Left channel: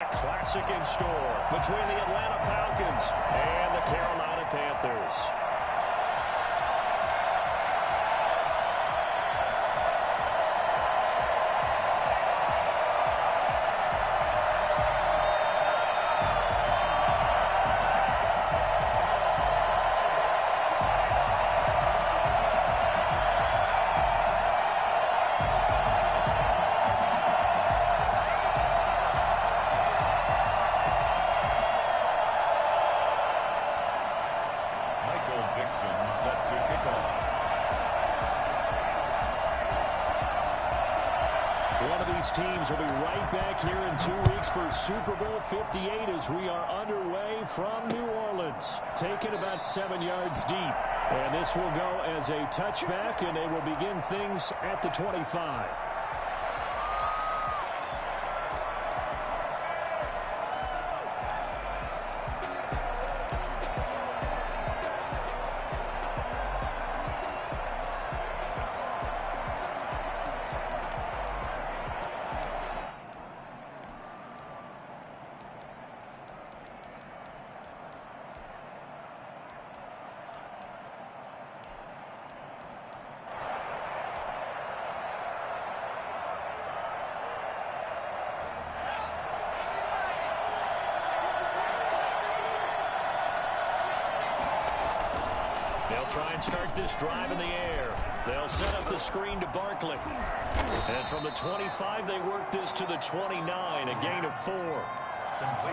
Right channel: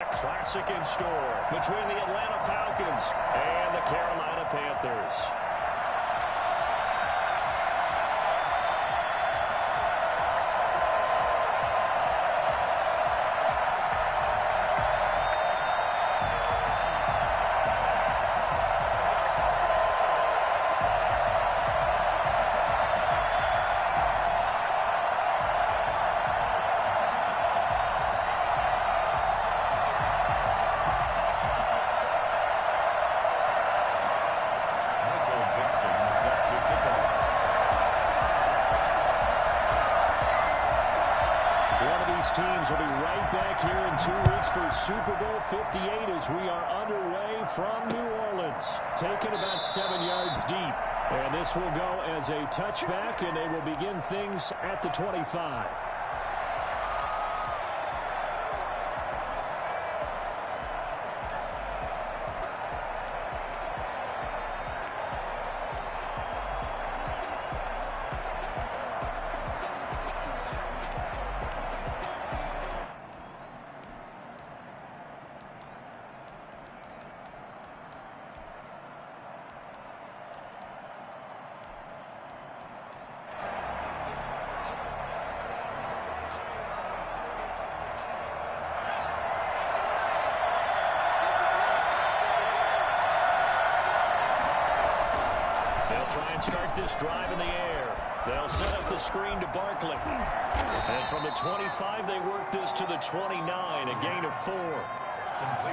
Classic in store between the Atlanta Falcons and the Carolina Panthers. Set to kick off. One of these teams will be right back here in 2 weeks for Super Bowl 58 as we are underway from New Orleans. Taken about 7 yards deep. And this will go as a touchback, and they will begin things at the 25. They'll try and start this drive in the air. They'll set up the screen to Barkley. And from the 25, they work this to the 29, a gain of 4.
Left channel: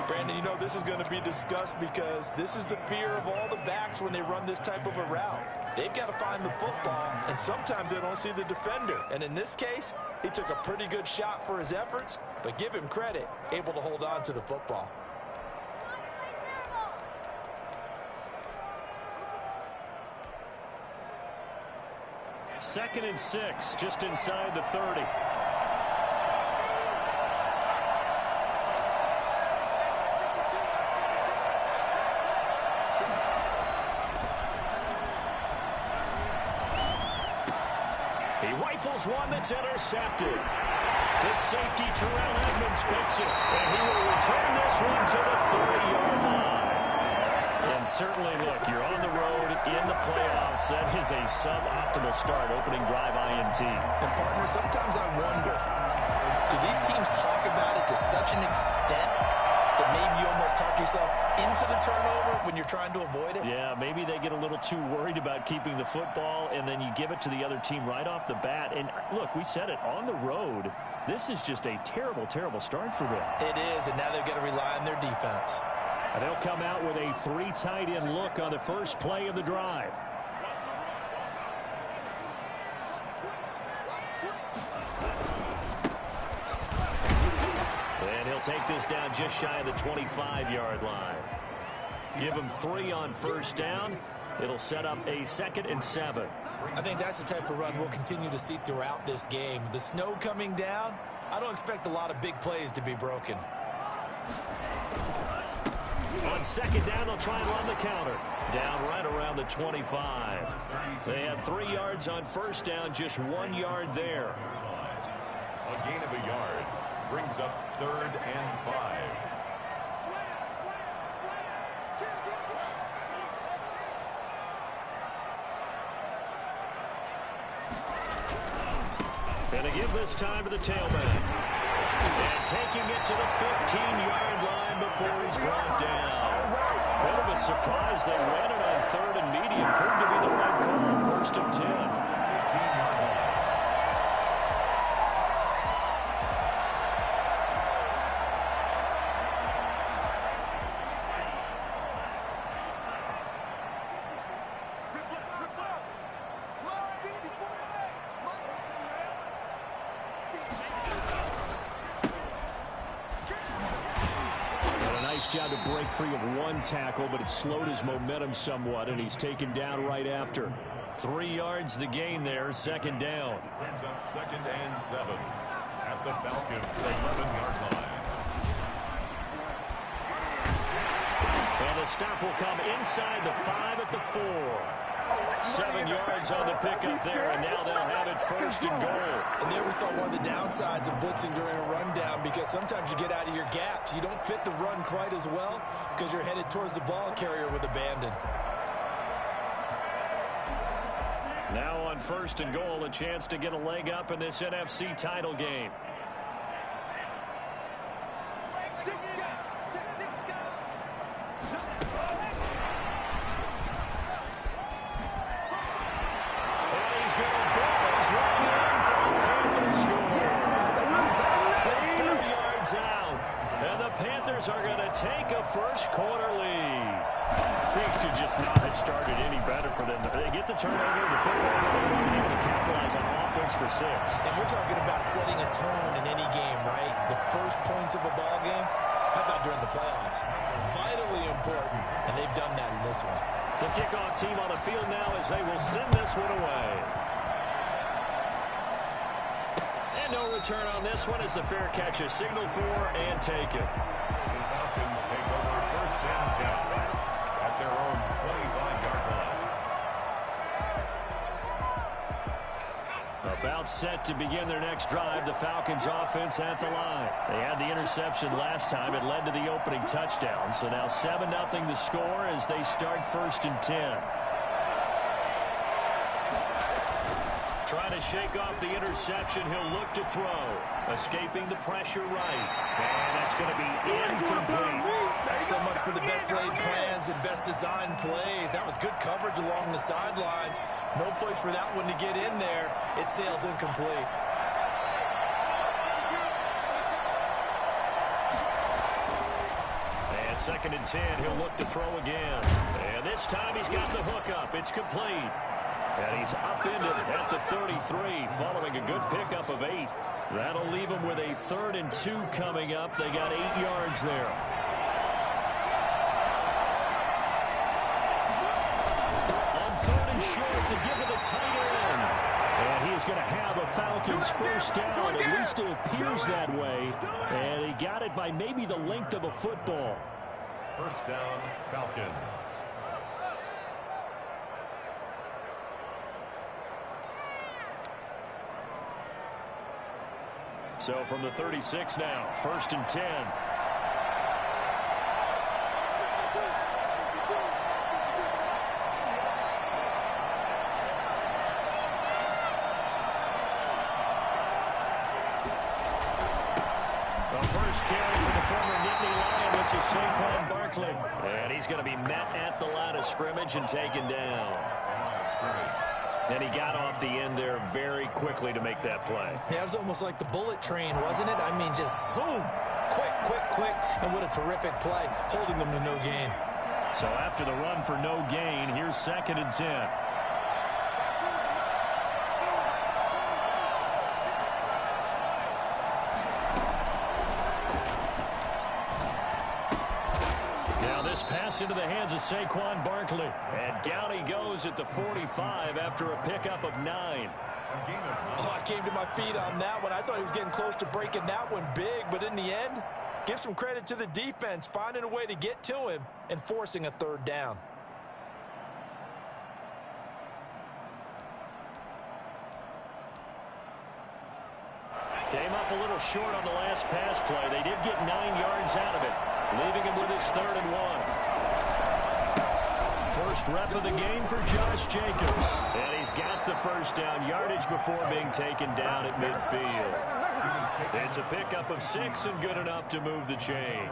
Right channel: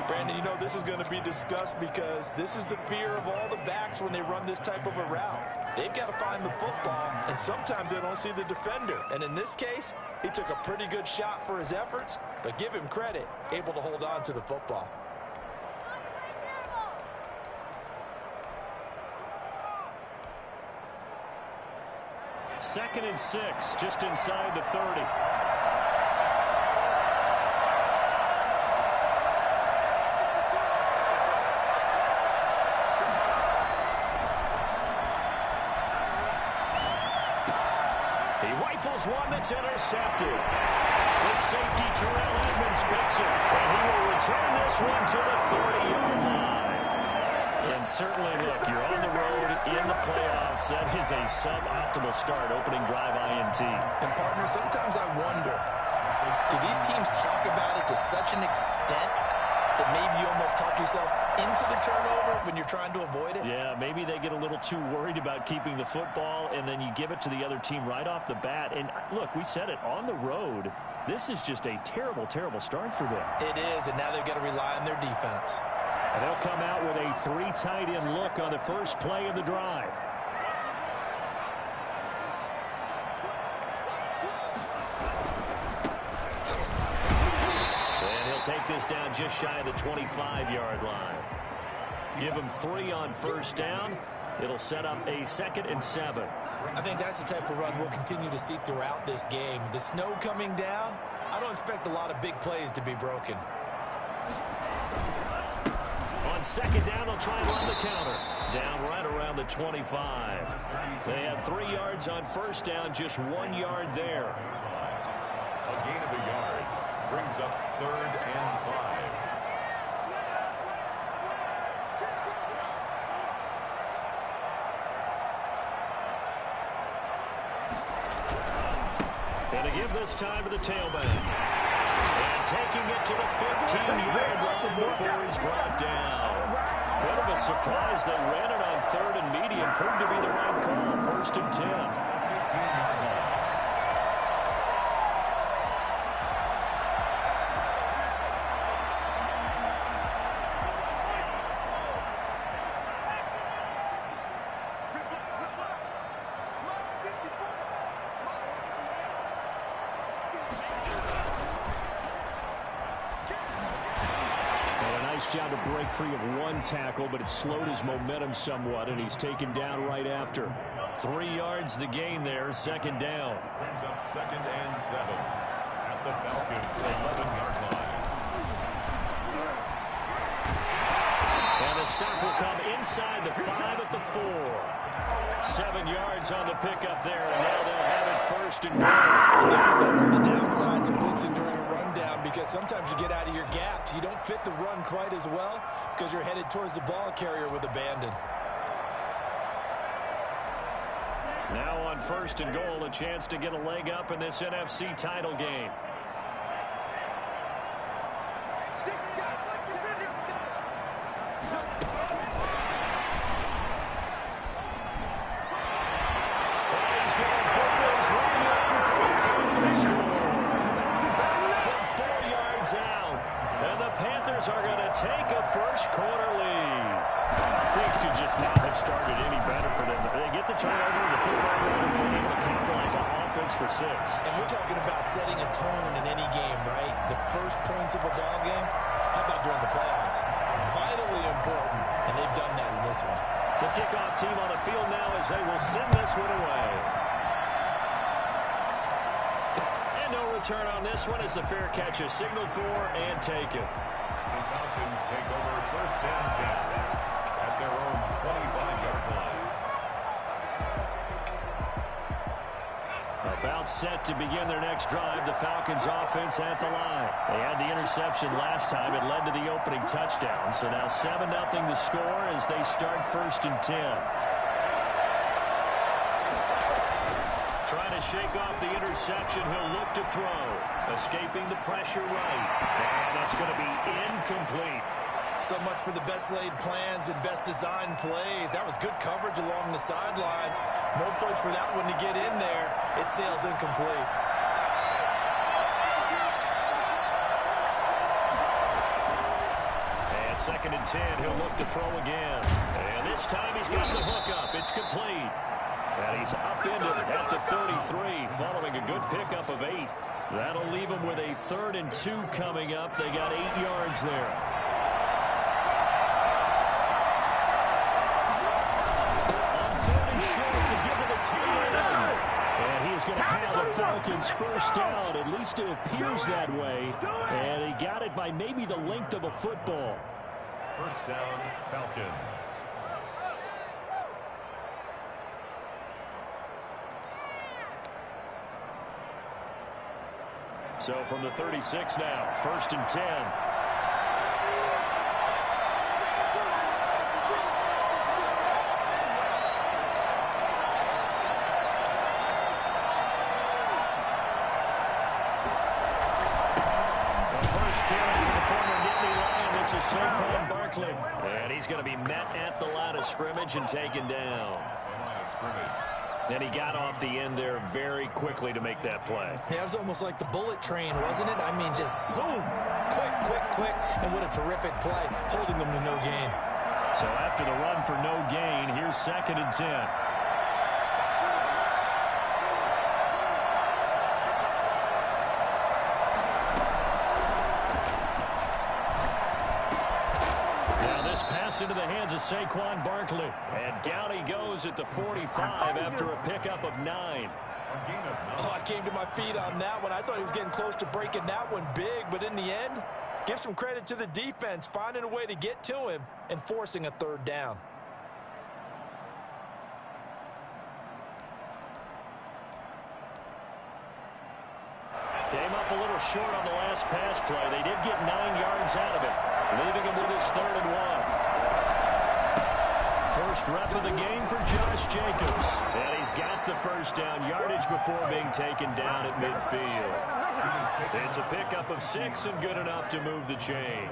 Brandon, you know, this is going to be discussed because this is the fear of all the backs when they run this type of a route. They've got to find the football, and sometimes they don't see the defender. And in this case, he took a pretty good shot for his efforts, but give him credit, able to hold on to the football. Second and 6, just inside the 30. He rifles one that's intercepted. The safety, Terrell Edmonds, picks it, and he will return this one to the 30-yard line. And certainly, look, you're on the road in the playoffs. That is a suboptimal start, opening drive INT. And, partner, sometimes I wonder, do these teams talk about it to such an extent that maybe you almost talk yourself into the turnover when you're trying to avoid it? Yeah, maybe they get a little too worried about keeping the football, and then you give it to the other team right off the bat. And, look, we said it, on the road, this is just a terrible, terrible start for them. It is, and now they've got to rely on their defense. And they'll come out with a 3 tight end look on the first play of the drive. And he'll take this down just shy of the 25-yard line. Give him 3 on first down. It'll set up a 2nd and 7. I think that's the type of run we'll continue to see throughout this game. The snow coming down, I don't expect a lot of big plays to be broken. On second down, they'll try and run the counter. Down right around the 25. They had 3 yards on first down, just 1 yard there. A gain of a yard brings up 3rd and 5. And to give this time to the tailback. And taking it to the 15-yard line before he's brought down. Bit of a surprise. They ran it on 3rd and medium. Proved to be the right call. 1st and 10. 15-yard line. Job to break free of 1 tackle, but it slowed his momentum somewhat, and he's taken down right after. 3 yards the gain there, 2nd down. Brings up 2nd and 7 at the Falcons' 11-yard line. And the stop will come inside the 5 at the 4. 7 yards on the pickup there, and now they'll have it first and goal. And there we saw one of the downsides of blitzing during a rundown, because sometimes you get out of your gaps. You don't fit the run quite as well because you're headed towards the ball carrier with abandon. Now on first and goal, a chance to get a leg up in this NFC title game. Are going to take a first quarter lead. Things could just not have started any better for them. They get the turnover, the football right away, and able to capitalize on offense for 6. And we're talking about setting a tone in any game, right? The first points of a ball game, how about during the playoffs? Vitally important, and they've done that in this one. The kickoff team on the field now as they will send this one away. And no return on this one as the fair catch is signaled for and taken. Falcons take over first and 10 at their own 25-yard line. About set to begin their next drive, the Falcons offense at the line. They had the interception last time. It led to the opening touchdown. So now 7-0 the score as they start first and 10. Trying to shake off the interception, he'll look to throw. Escaping the pressure right. And that's going to be incomplete. So much for the best laid plans and best designed plays. That was good coverage along the sidelines. No place for that one to get in there. It sails incomplete. And second and 10, he'll look to throw again. And this time he's got the hook up. It's complete. And he's upended at the 33 following a good pickup of 8. That'll leave him with a 3rd and 2 coming up. They got 8 yards there. On 3rd and short to give it a tight end. And he is going to have a Falcons first down. At least it appears that way. And he got it by maybe the length of a football. First down, Falcons. So from the 36 now, first and 10. The first carry for the former Nittany Lion. This is Saquon Barkley. And he's going to be met at the line of scrimmage and taken down. And he got off the end there very quickly to make that play. Yeah, it was almost like the bullet train, wasn't it? I mean, just zoom. Quick, quick, quick. And what a terrific play, holding them to no gain. So after the run for no gain, here's second and 10. Pass into the hands of Saquon Barkley. And down he goes at the 45 after a pickup of 9. Oh, I came to my feet on that one. I thought he was getting close to breaking that one big, but in the end, give some credit to the defense, finding a way to get to him and forcing a 3rd down. Came up a little short on the last pass play. They did get 9 yards out of it, leaving him with his 3rd and 1. First rep of the game for Josh Jacobs. And he's got the first down yardage before being taken down at midfield. It's a pickup of 6 and good enough to move the chains.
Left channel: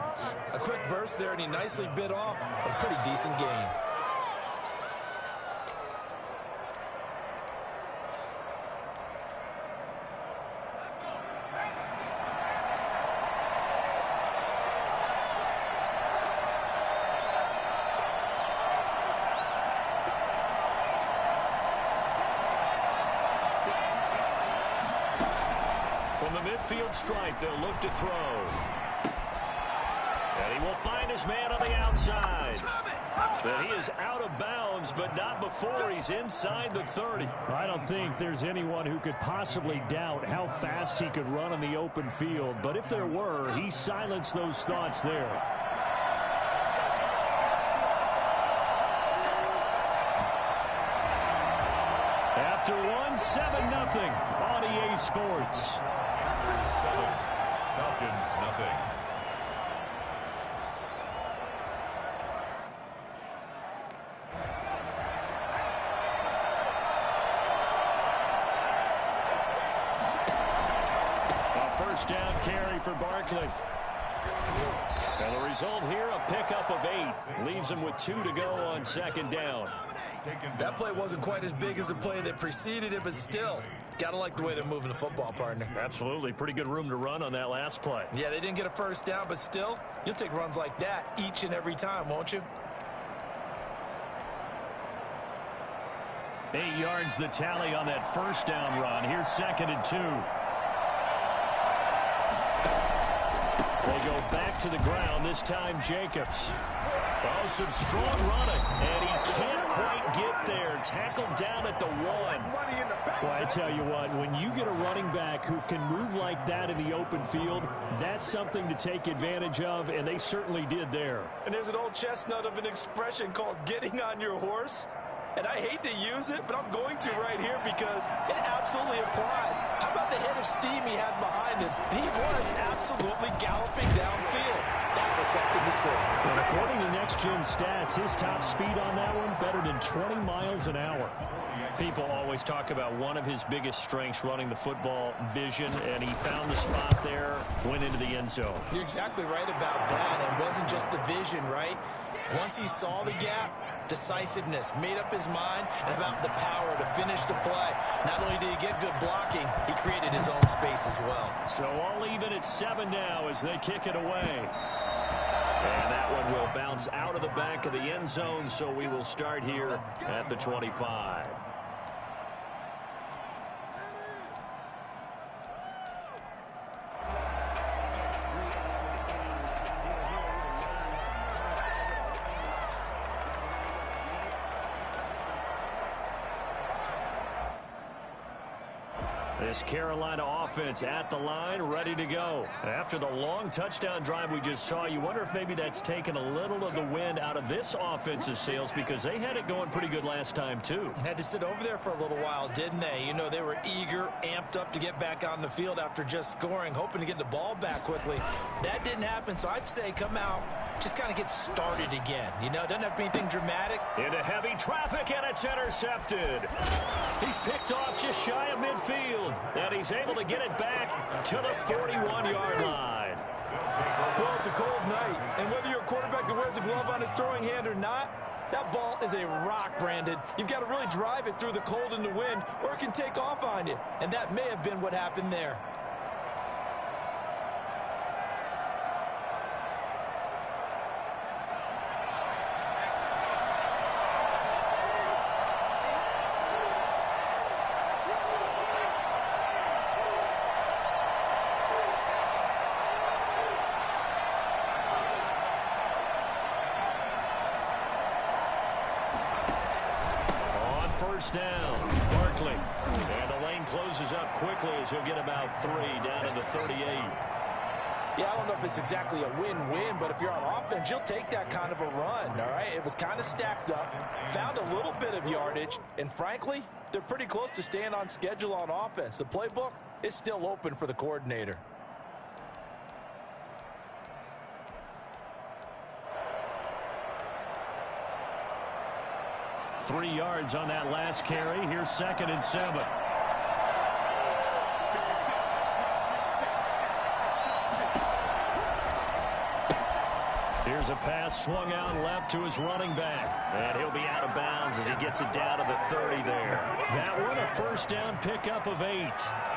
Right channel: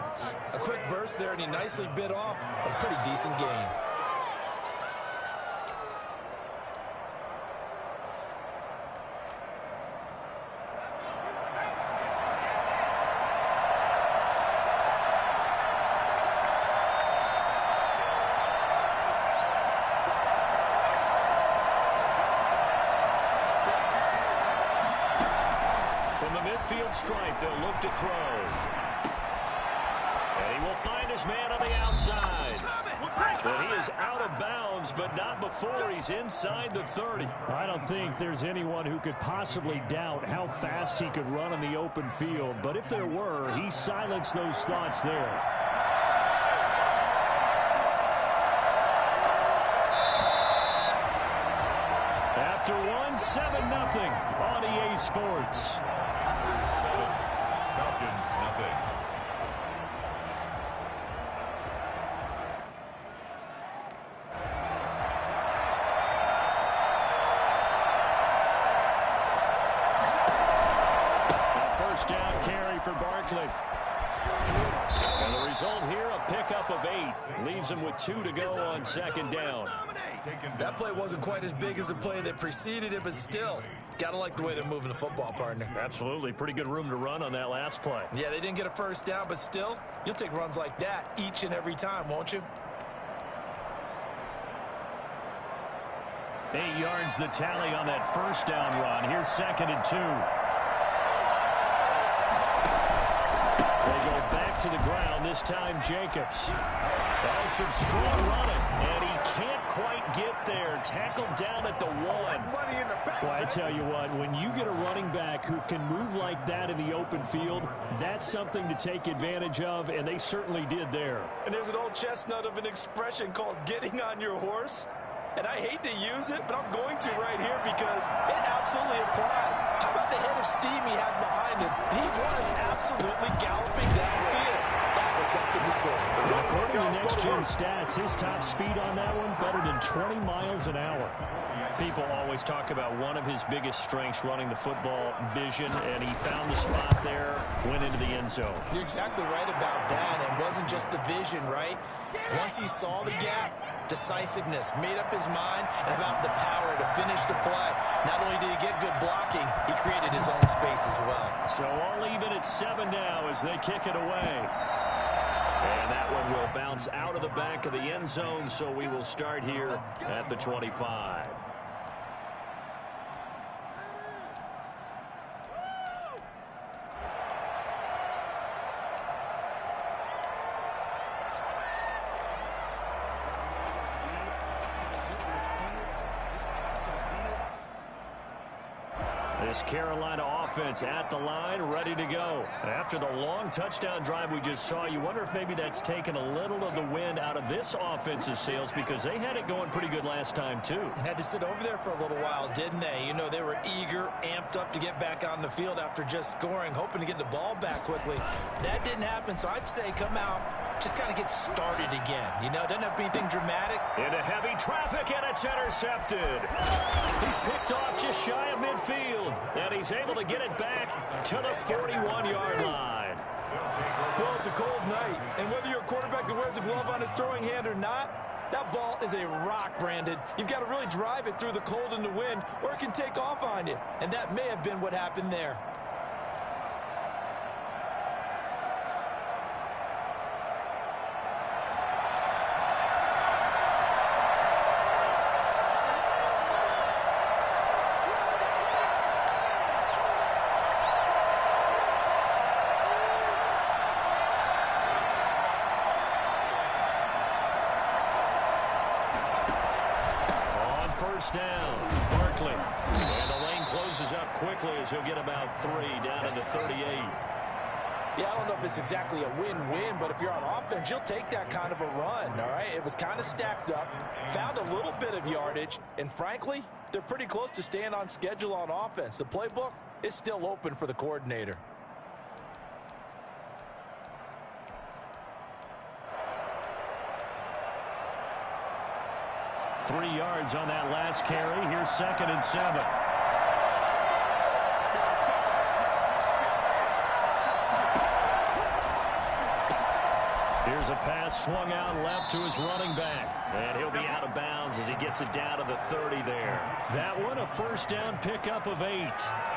A quick burst there, and he nicely bit off a pretty decent gain. From the midfield stripe, they'll look to throw. And he will find his man on the outside. But he is out of bounds, but not before he's inside the 30. I don't think there's anyone who could possibly doubt how fast he could run in the open field. But if there were, he silenced those thoughts there. after one, 7-0 on EA Sports. 7, Falcons nothing. First down carry for Barkley. And the result here, a pickup of 8. Leaves him with 2 to go on second down. That play wasn't quite as big as the play that preceded it, but still, gotta like the way they're moving the football, partner. Absolutely. Pretty good room to run on that last play. Yeah, they didn't get a first down, but still, you'll take runs like that each and every time, won't you? 8 yards the tally on that first down run. Here's 2nd and 2. They go back to the ground, this time Jacobs. Oh, some strong running, and he can't quite get there. Tackled down at the 1. Well, I tell you what, when you get a running back who can move like that in the open field, that's something to take advantage of, and they certainly did there. And there's an old chestnut of an expression called getting on your horse. And I hate to use it, but I'm going to right here because it absolutely applies. How about the head of steam he had behind him? He was absolutely galloping downfield. That was something to see. And according to Next Gen Stats, his top speed on that one better than 20 miles an hour. People always talk about one of his biggest strengths running the football, vision, and he found the spot there, went into the end zone. You're exactly right about that. And it wasn't just the vision, right? Once he saw the gap, decisiveness, made up his mind, and about the power to finish the play. Not only did he get good blocking, he created his own space as well. So all even at 7 now as they kick it away. And that one will bounce out of the back of the end zone, so we will start here at the 25. This Carolina offense at the line, ready to go. After the long touchdown drive we just saw, you wonder if maybe that's taken a little of the wind out of this offensive sails because they had it going pretty good last time, too. Had to sit over there for a little while, didn't they? You know, they were eager, amped up to get back on the field after just scoring, hoping to get the ball back quickly. That didn't happen, so I'd say come out, just kind of get started again. You know, it doesn't have to be anything dramatic. Into heavy traffic, and it's intercepted. He's picked off just shy of midfield, and he's able to get it back to the 41-yard line. Well, it's a cold night, and whether you're a quarterback that wears a glove on his throwing hand or not, that ball is a rock, Brandon. You've got to really drive it through the cold and the wind, or it can take off on you, and that may have been what happened there. First down, Barkley. And the lane closes up quickly as he'll get about 3 down to the 38. Yeah, I don't know if it's exactly a win-win, but if you're on offense, you'll take that kind of a run, all right? It was kind of stacked up, found a little bit of yardage, and frankly, they're pretty close to staying on schedule on offense. The playbook is still open for the coordinator. Three yards on that last carry. Here's 2nd and 7. Here's a pass swung out left to his running back. And he'll be out of bounds as he gets it down to the 30 there. That one, a first down pickup of 8.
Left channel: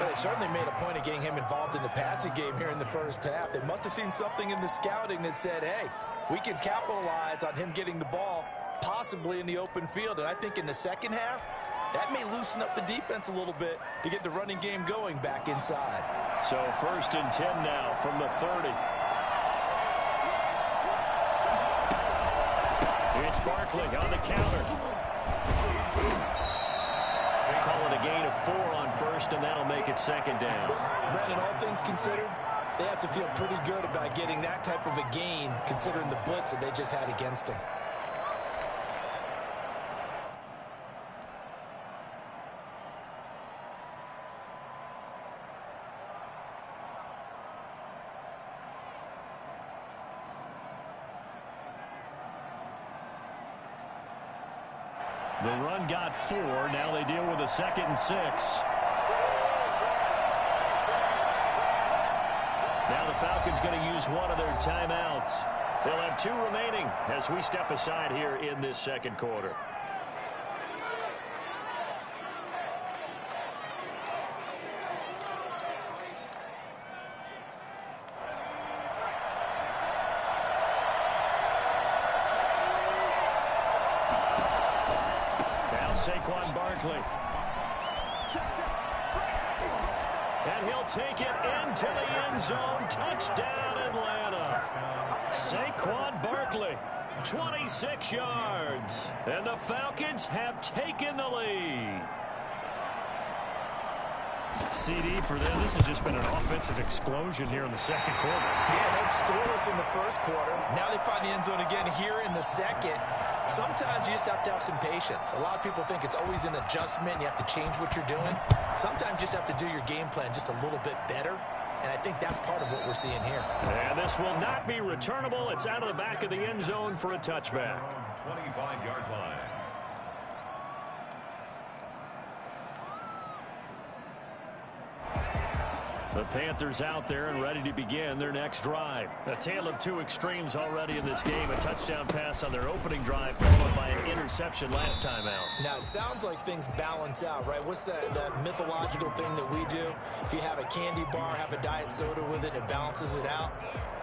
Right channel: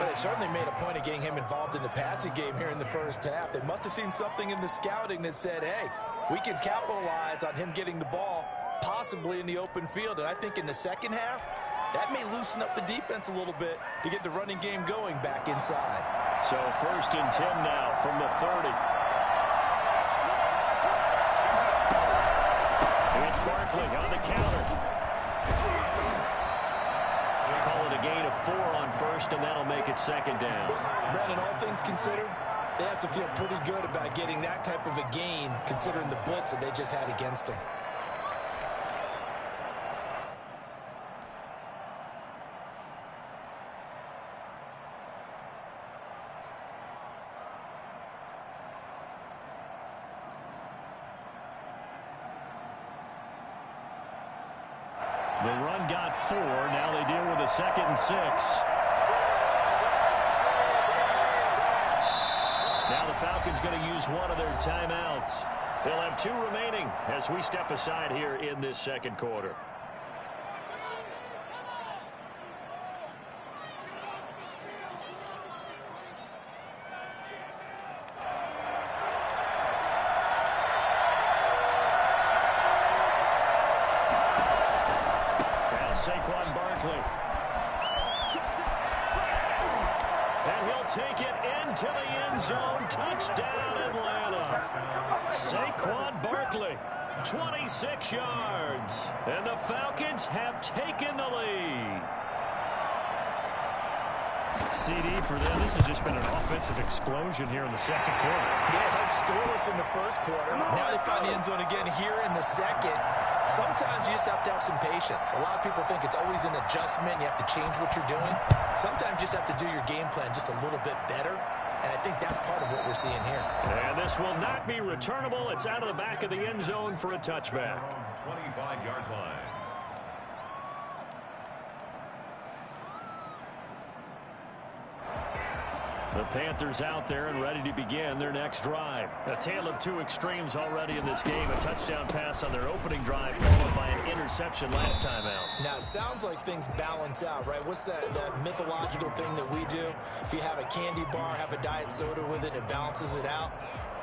Well, they certainly made a point of getting him involved in the passing game here in the first half. They must have seen something in the scouting that said, hey, we can capitalize on him getting the ball possibly in the open field. And I think in the second half, that may loosen up the defense a little bit to get the running game going back inside. So 1st and 10 now from the 30. It's Barkley on the counter. Call it a gain of 4 on first, and that'll make it 2nd down. Brandon, all things considered, they have to feel pretty good about getting that type of a gain considering the blitz that they just had against them. The run got 4. Now they deal with a 2nd and 6. Now the Falcons going to use one of their timeouts. They'll have 2 remaining as we step aside here in this second quarter. Saquon Barkley. And he'll take it into the end zone. Touchdown, Atlanta. Saquon Barkley, 26 yards. And the Falcons have taken the lead. CD for them, this has just been an offensive explosion here in the second quarter. Yeah, head scoreless in the first quarter. Now they find the end zone again here in the second. Sometimes you just have to have some patience. A lot of people think it's always an adjustment. You have to change what you're doing. Sometimes you just have to do your game plan just a little bit better. And I think that's part of what we're seeing here. And this will not be returnable. It's out of the back of the end zone for a touchback. 25-yard line. The Panthers out there and ready to begin their next drive. A tale of 2 extremes already in this game. A touchdown pass on their opening drive followed by an interception last time out. Now, it sounds like things balance out, right? What's that mythological thing that we do? If you have a candy bar, have a diet soda with it, it balances it out.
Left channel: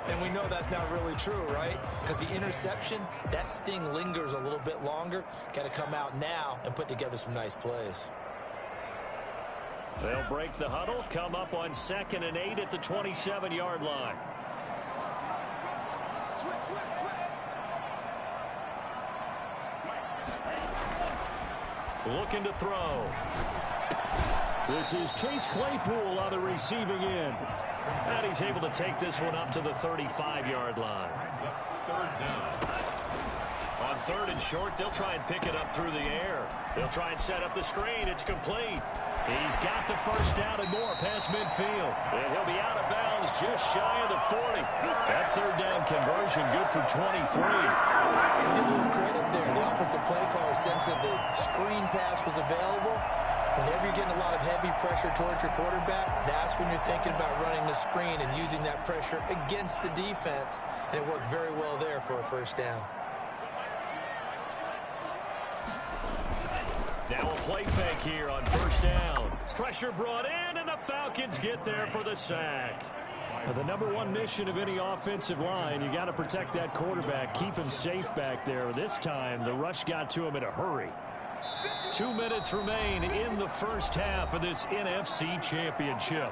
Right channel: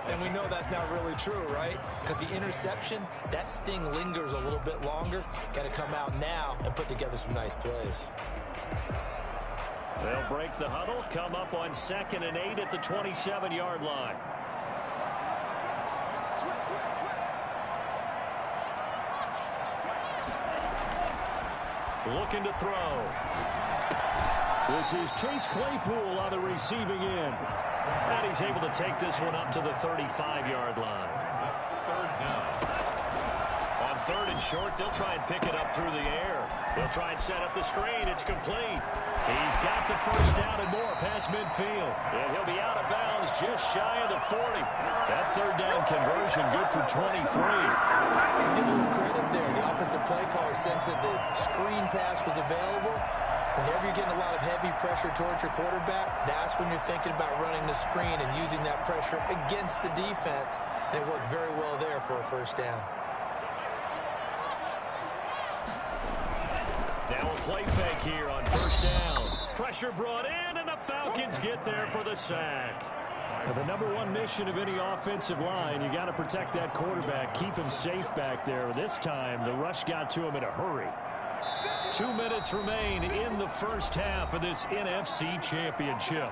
And we know that's not really true, right? Because the interception, that sting lingers a little bit longer. Got to come out now and put together some nice plays. They'll break the huddle, come up on 2nd and 8 at the 27-yard line. Looking to throw. This is Chase Claypool on the receiving end. And he's able to take this one up to the 35-yard line. Third down. On 3rd and short, they'll try and pick it up through the air. They'll try and set up the screen. It's complete. He's got the first down and more past midfield. And he'll be out of bounds just shy of the 40. That 3rd down conversion good for 23. Let's give a little credit there. The offensive play caller sensed that the screen pass was available. Whenever you're getting a lot of heavy pressure towards your quarterback, that's when you're thinking about running the screen and using that pressure against the defense. And it worked very well there for a first down. Now a play fake here on 1st down. Pressure brought in, and the Falcons get there for the sack. Now, the #1 mission of any offensive line, you got to protect that quarterback, keep him safe back there. This time, the rush got to him in a hurry. 2 minutes remain in the first half of this NFC Championship.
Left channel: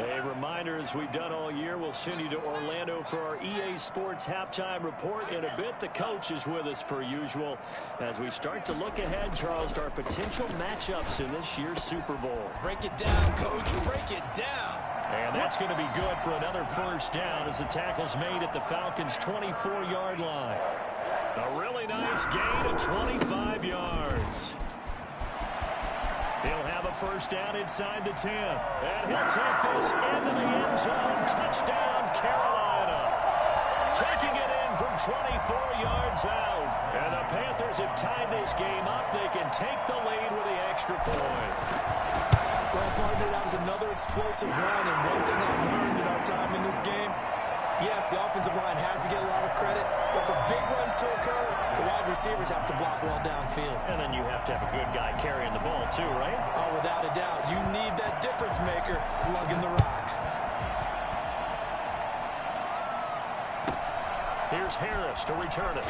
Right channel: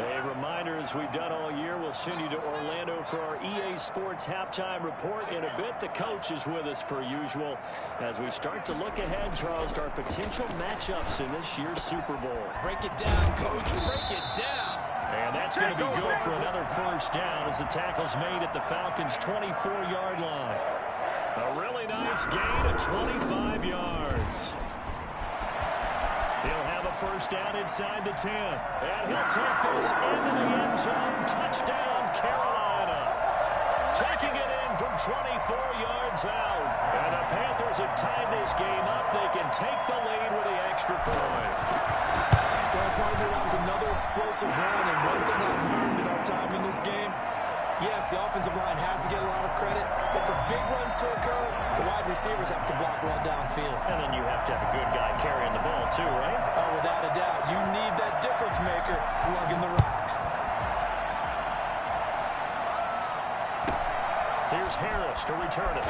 A reminder, as we've done all year, we'll send you to Orlando for our EA Sports halftime report in a bit. The coach is with us per usual as we start to look ahead, Charles, to our potential matchups in this year's Super Bowl. Break it down, Coach. Break it down. And that's going to be good for another first down as the tackle's made at the Falcons' 24-yard line. A really nice gain of 25 yards. He'll have a first down inside the 10. And he'll take this into the end zone. Touchdown, Carolina. Taking it in from 24 yards out. And the Panthers have tied this game up. They can take the lead with the extra point. Well, partner, that was another explosive run. And one thing I've learned in our time in this game, yes, the offensive line has to get a lot of credit, but for big runs to occur, the wide receivers have to block well downfield. And then you have to have a good guy carrying the ball too, right? Oh, without a doubt. You need that difference maker lugging the rock. Here's Harris to return it.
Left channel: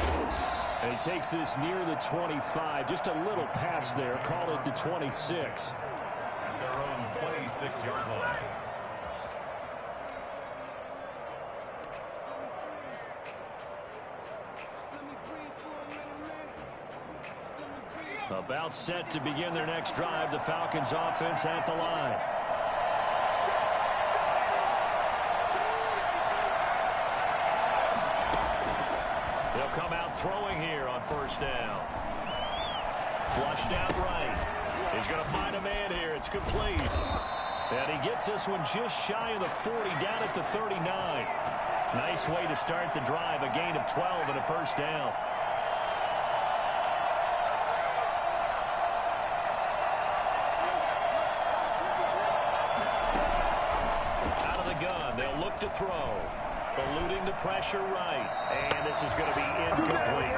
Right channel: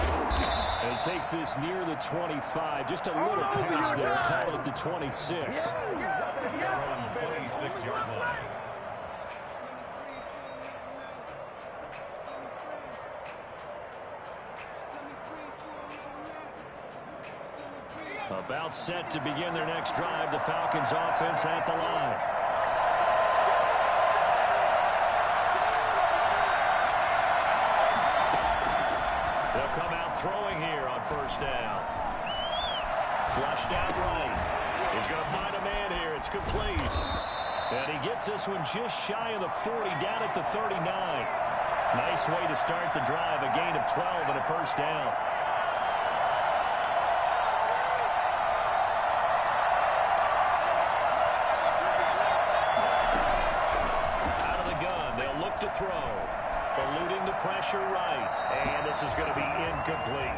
And he takes this near the 25. Just a little pass there. Call it the 26. Their own 26-yard line. About set to begin their next drive. The Falcons offense at the line. They'll come out throwing here on first down. Flushed out right. He's going to find a man here. It's complete. And he gets this one just shy of the 40, down at the 39. Nice way to start the drive, a gain of 12 and a first down. Out of the gun, they'll look to throw. Eluding the pressure right. And this is going to be incomplete.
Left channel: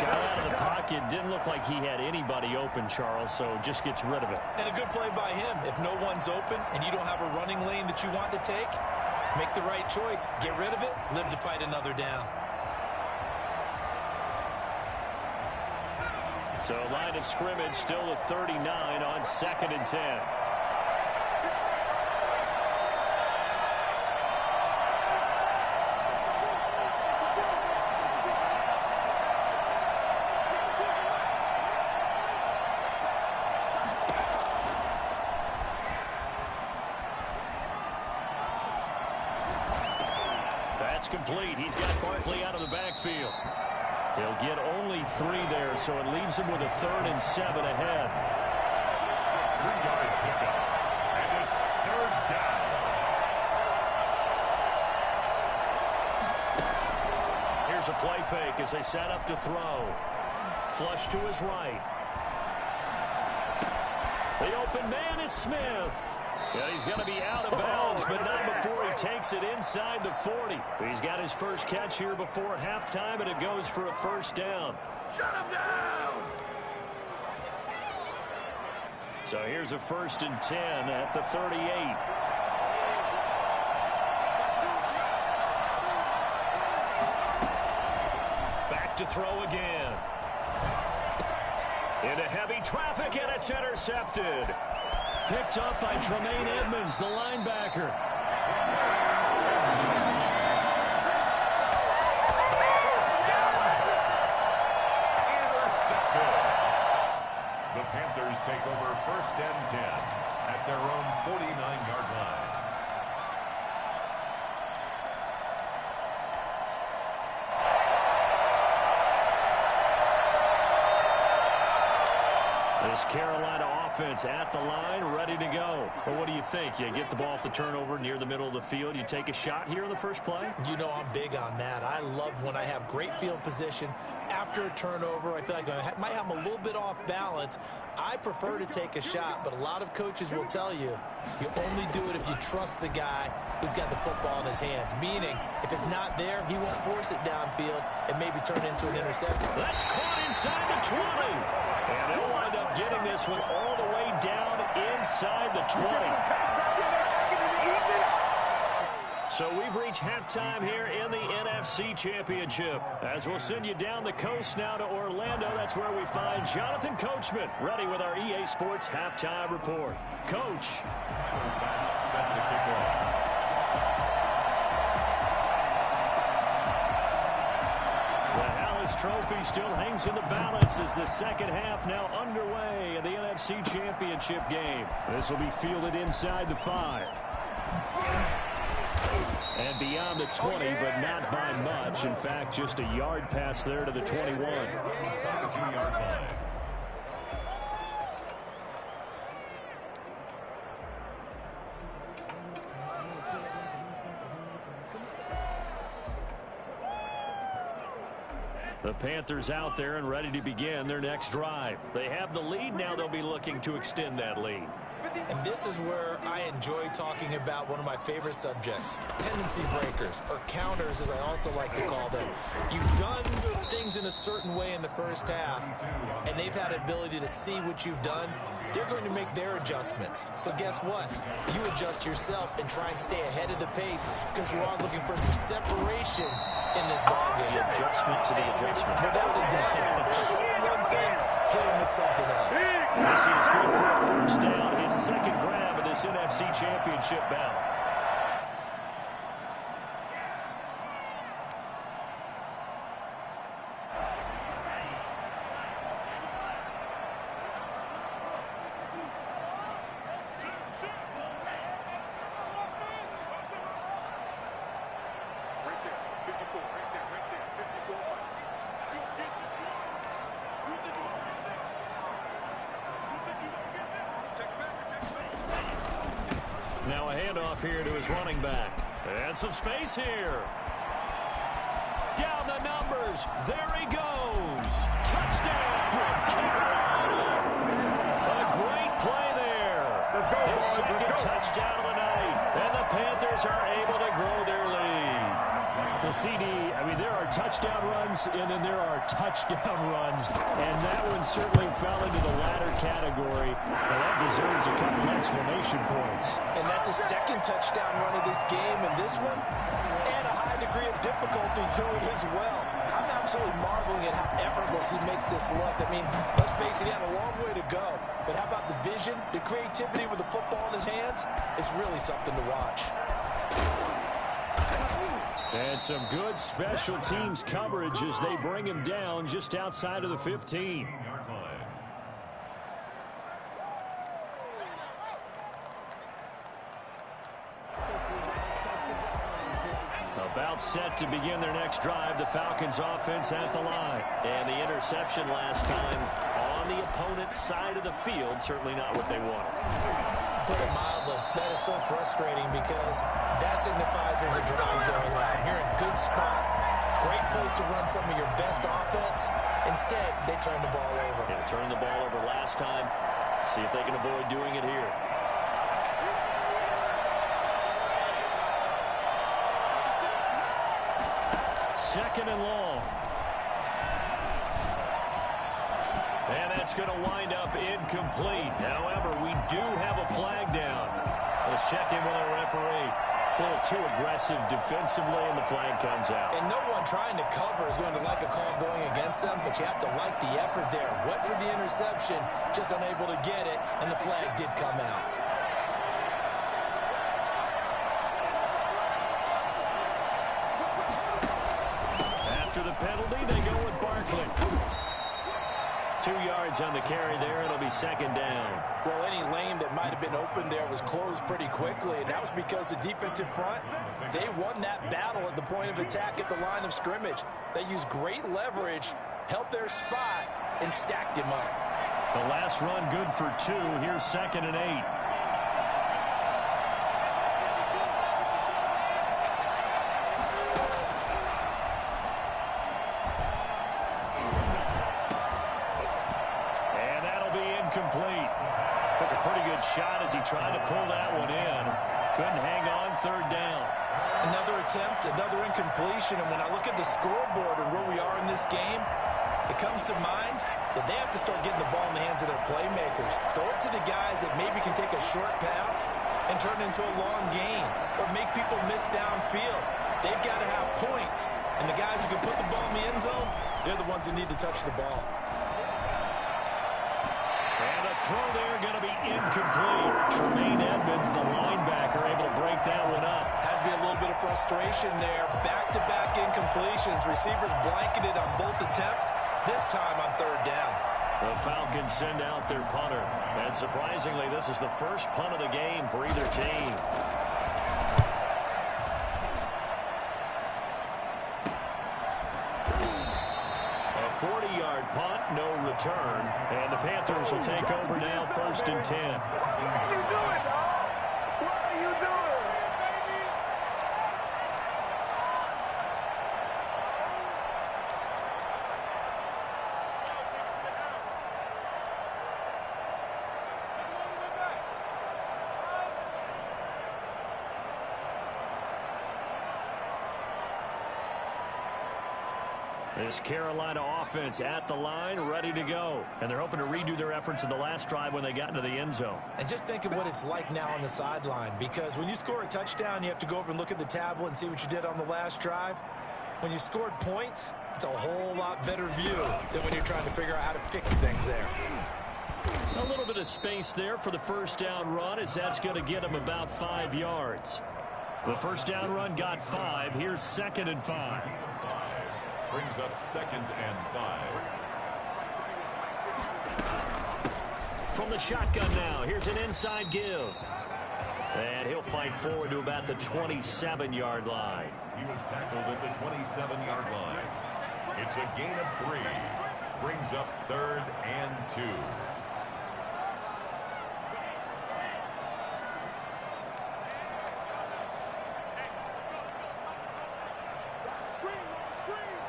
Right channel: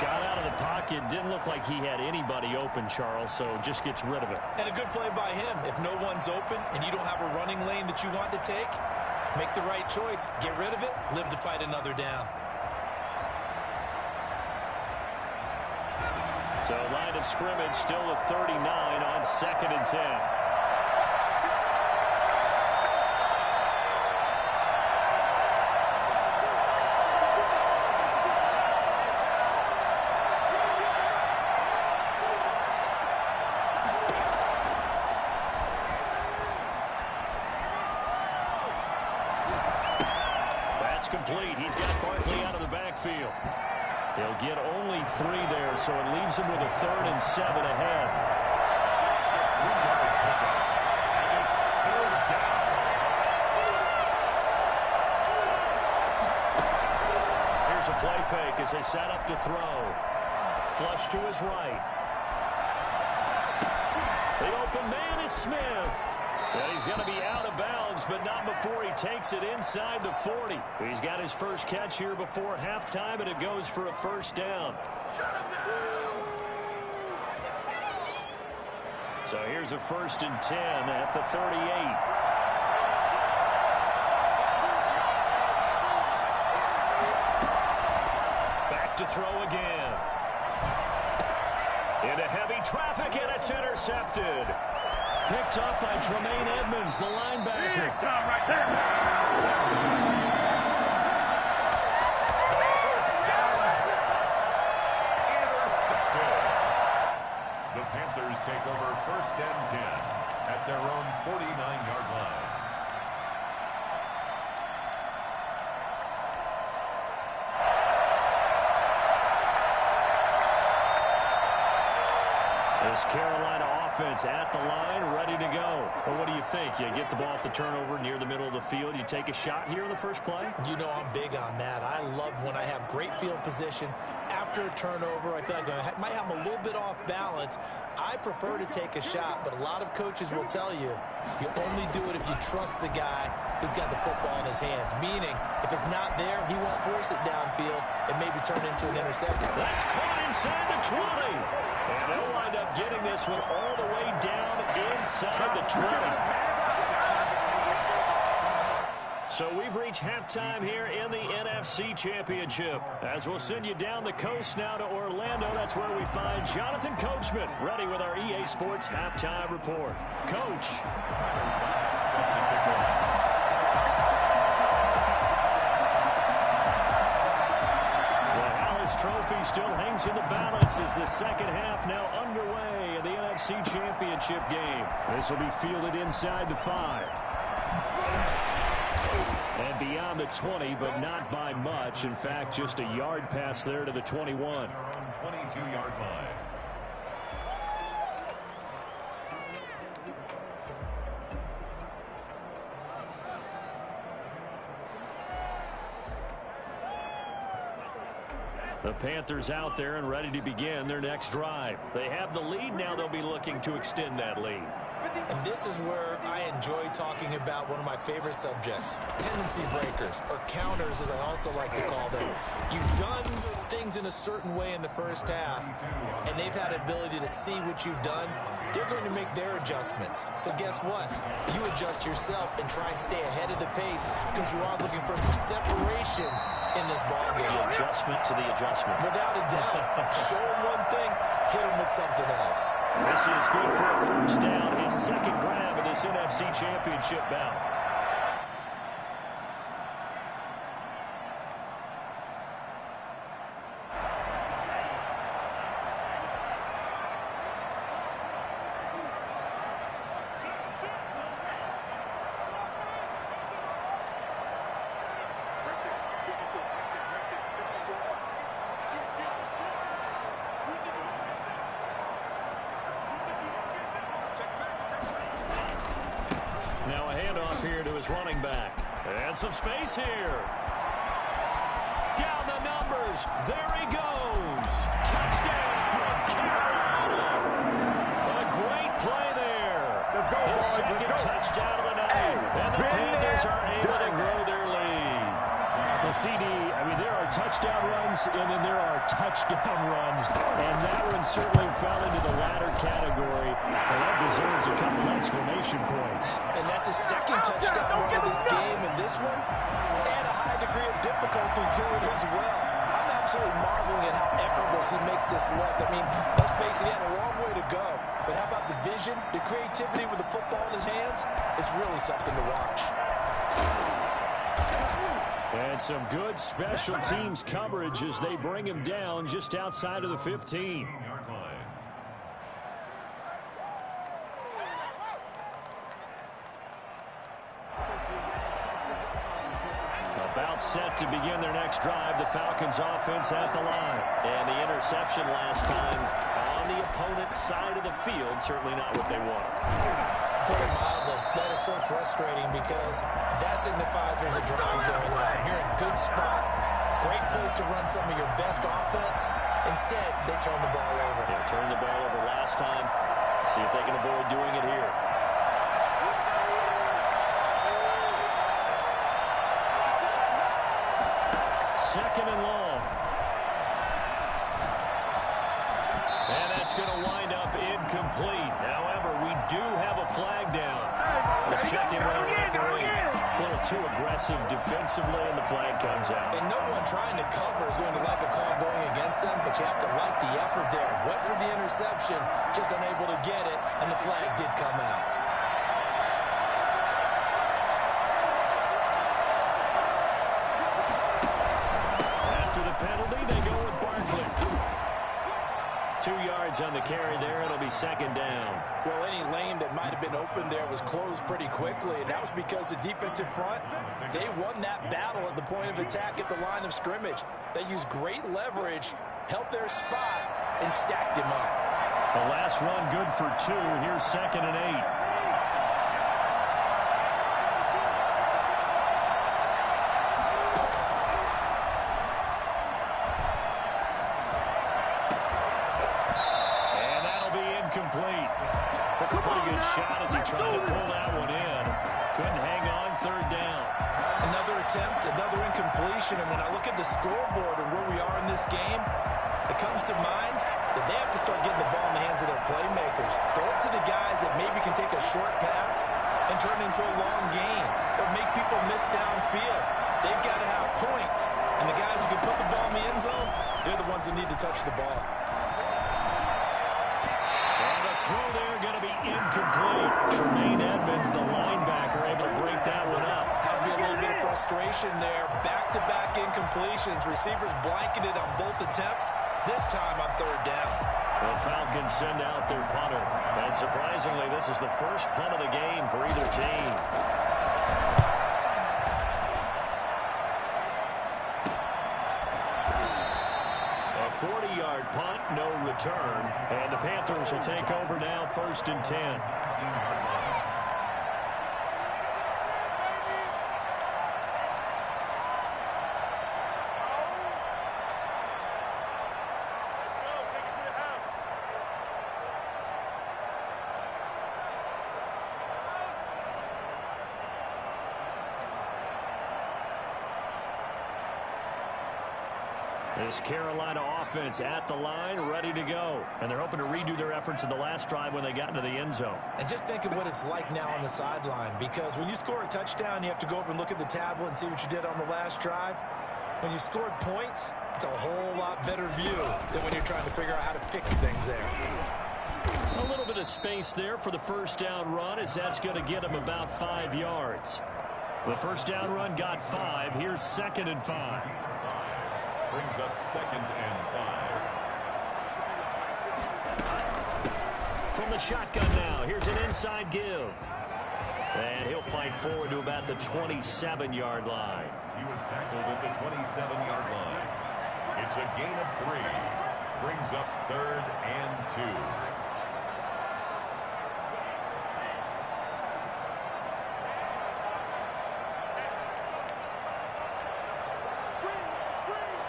Got out of the pocket. Didn't look like he had anybody open, Charles, so just gets rid of it. And a good play by him. If no one's open and you don't have a running lane that you want to take, make the right choice. Get rid of it. Live to fight another down. So line of scrimmage still the 39 on 2nd and 10. That's complete. He's got Barkley out of the backfield. He'll get only 3 there, so it leaves him with a 3rd and 7 ahead. 3-yard pickup, and it's 3rd down. Here's a play fake as they set up to throw. Flush to his right. The open man is Smith. And he's going to be out of bounds, but not before he takes it inside the 40. He's got his first catch here before halftime, and it goes for a first down. Shut him down! So here's a 1st and 10 at the 38. Back to throw again. Into heavy traffic, and it's intercepted. Picked up by Tremaine Edmonds, the linebacker. Intercepted. The Panthers take over 1st and 10 at their own 49-yard line. This Carolina offense at the line, ready to go. Well, what do you think? You get the ball off the turnover near the middle of the field. You take a shot here in the first play? You know I'm big on that. I love when I have great field position. After a turnover, I feel like I might have a little bit off balance. I prefer to take a shot, but a lot of coaches will tell you, you only do it if you trust the guy who's got the football in his hands. Meaning, if it's not there, he won't force it downfield and maybe turn into an interception. That's caught inside the 20. And they'll wind up getting this one all the way down inside the 20. So we've reached halftime here in the NFC Championship. As we'll send you down the coast now to Orlando, that's where we find Jonathan Coachman, ready with our EA Sports Halftime Report. Coach. Set to kick off. This trophy still hangs in the balance as the second half now underway in the NFC Championship game. This will be fielded inside the 5. And beyond the 20, but not by much. In fact, just a yard pass there to the 21. 22-yard line. The Panthers out there and ready to begin their next drive. They have the lead. Now they'll be looking to extend that lead. And this is where I enjoy talking about one of my favorite subjects, tendency breakers, or counters as I also like to call them. You've done things in a certain way in the first half, and they've had the ability to see what you've done. They're going to make their adjustments. So guess what? You adjust yourself and try and stay ahead of the pace because you are looking for some separation in this ballgame. The adjustment to the adjustment. Without a doubt. Show them one thing, hit them with something else. This is good for a first down. His second grab of this NFC Championship bout. Now a handoff here to his running back. And some space here. down the numbers. There he goes. Touchdown, Carolina. A great play there. Let's go, His boys. second Let's go. touchdown of the night. And the Panthers are able to grow their lead. The CD, I mean, there are touchdown runs, and then there are touchdown runs, and that one certainly fell into the latter category, and that deserves a couple exclamation points. And that's a second touchdown run of this game, and this one, and a high degree of difficulty to it as well. I'm absolutely marveling at how effortless he makes this look. I mean, let's face it, he had a long way to go, but how about the vision, the creativity with the football in his hands? It's really something to watch. And some good special teams coverage as they bring him down just outside of the 15. About set to begin their next drive, the Falcons offense at the line. And the interception last time on the opponent's side of the field, certainly not what they wanted. Put it mildly, that is so frustrating because that signifies there's a drive going on. You're in a good spot, great place to run some of your best offense. Instead, they turn the ball over. Yeah, turned the ball over last time. See if they can avoid doing it here. Second and long. And that's going to wind up incomplete. However, we do have a flag down. Let's check in with our referee. A little too aggressive defensively, and the flag comes out. And no one trying to cover is going to like a call going against them, but you have to like the effort there. Went for the interception, just unable to get it, and the flag did come out. After the penalty, they go with Barkley. 2 yards on the carry there. It'll be second down. Well, any lane that might have been open there was closed pretty quickly, and that was because the defensive front, they won that battle at the point of attack at the line of scrimmage. They used great leverage, held their spot, and stacked him up. The last run good for 2. Here's second and 8. Complete. Took a pretty good shot as he tried to pull that one in. Couldn't hang on, third down. Another attempt, another incompletion, and when I look at the scoreboard and where we are in this game, it comes to mind that they have to start getting the ball in the hands of their playmakers. Throw it to the guys that maybe can take a short pass and turn it into a long gain or make people miss downfield. They've got to have points, and the guys who can put the ball in the end zone, they're the ones that need to touch the ball. And the throw there going to be incomplete. Tremaine Edmonds, the linebacker, able to break that one up. Has to be a little bit of frustration there. Back-to-back incompletions. Receivers blanketed on both attempts, this time on third down. The Falcons send out their punter. And surprisingly, this is the first punt of the game for either team. A 40-yard punt, no return. And the Panthers will take over now, first and 10. This Carolina offense at the line, ready to go. And they're hoping to redo their efforts in the last drive when they got into the end zone. And just think of what it's like now on the sideline, because when you score a touchdown, you have to go over and look at the tablet and see what you did on the last drive. When you scored points, it's a whole lot better view than when you're trying to figure out how to fix things there. A little bit of space there for the first down run, as that's going to get them about 5 yards. The first down run got 5. Here's second and 5. Brings up second and 5. From the shotgun now, here's an inside give. And he'll fight forward to about the 27-yard line. He was tackled at the 27-yard line. It's a gain of 3. Brings up third and 2. Screen!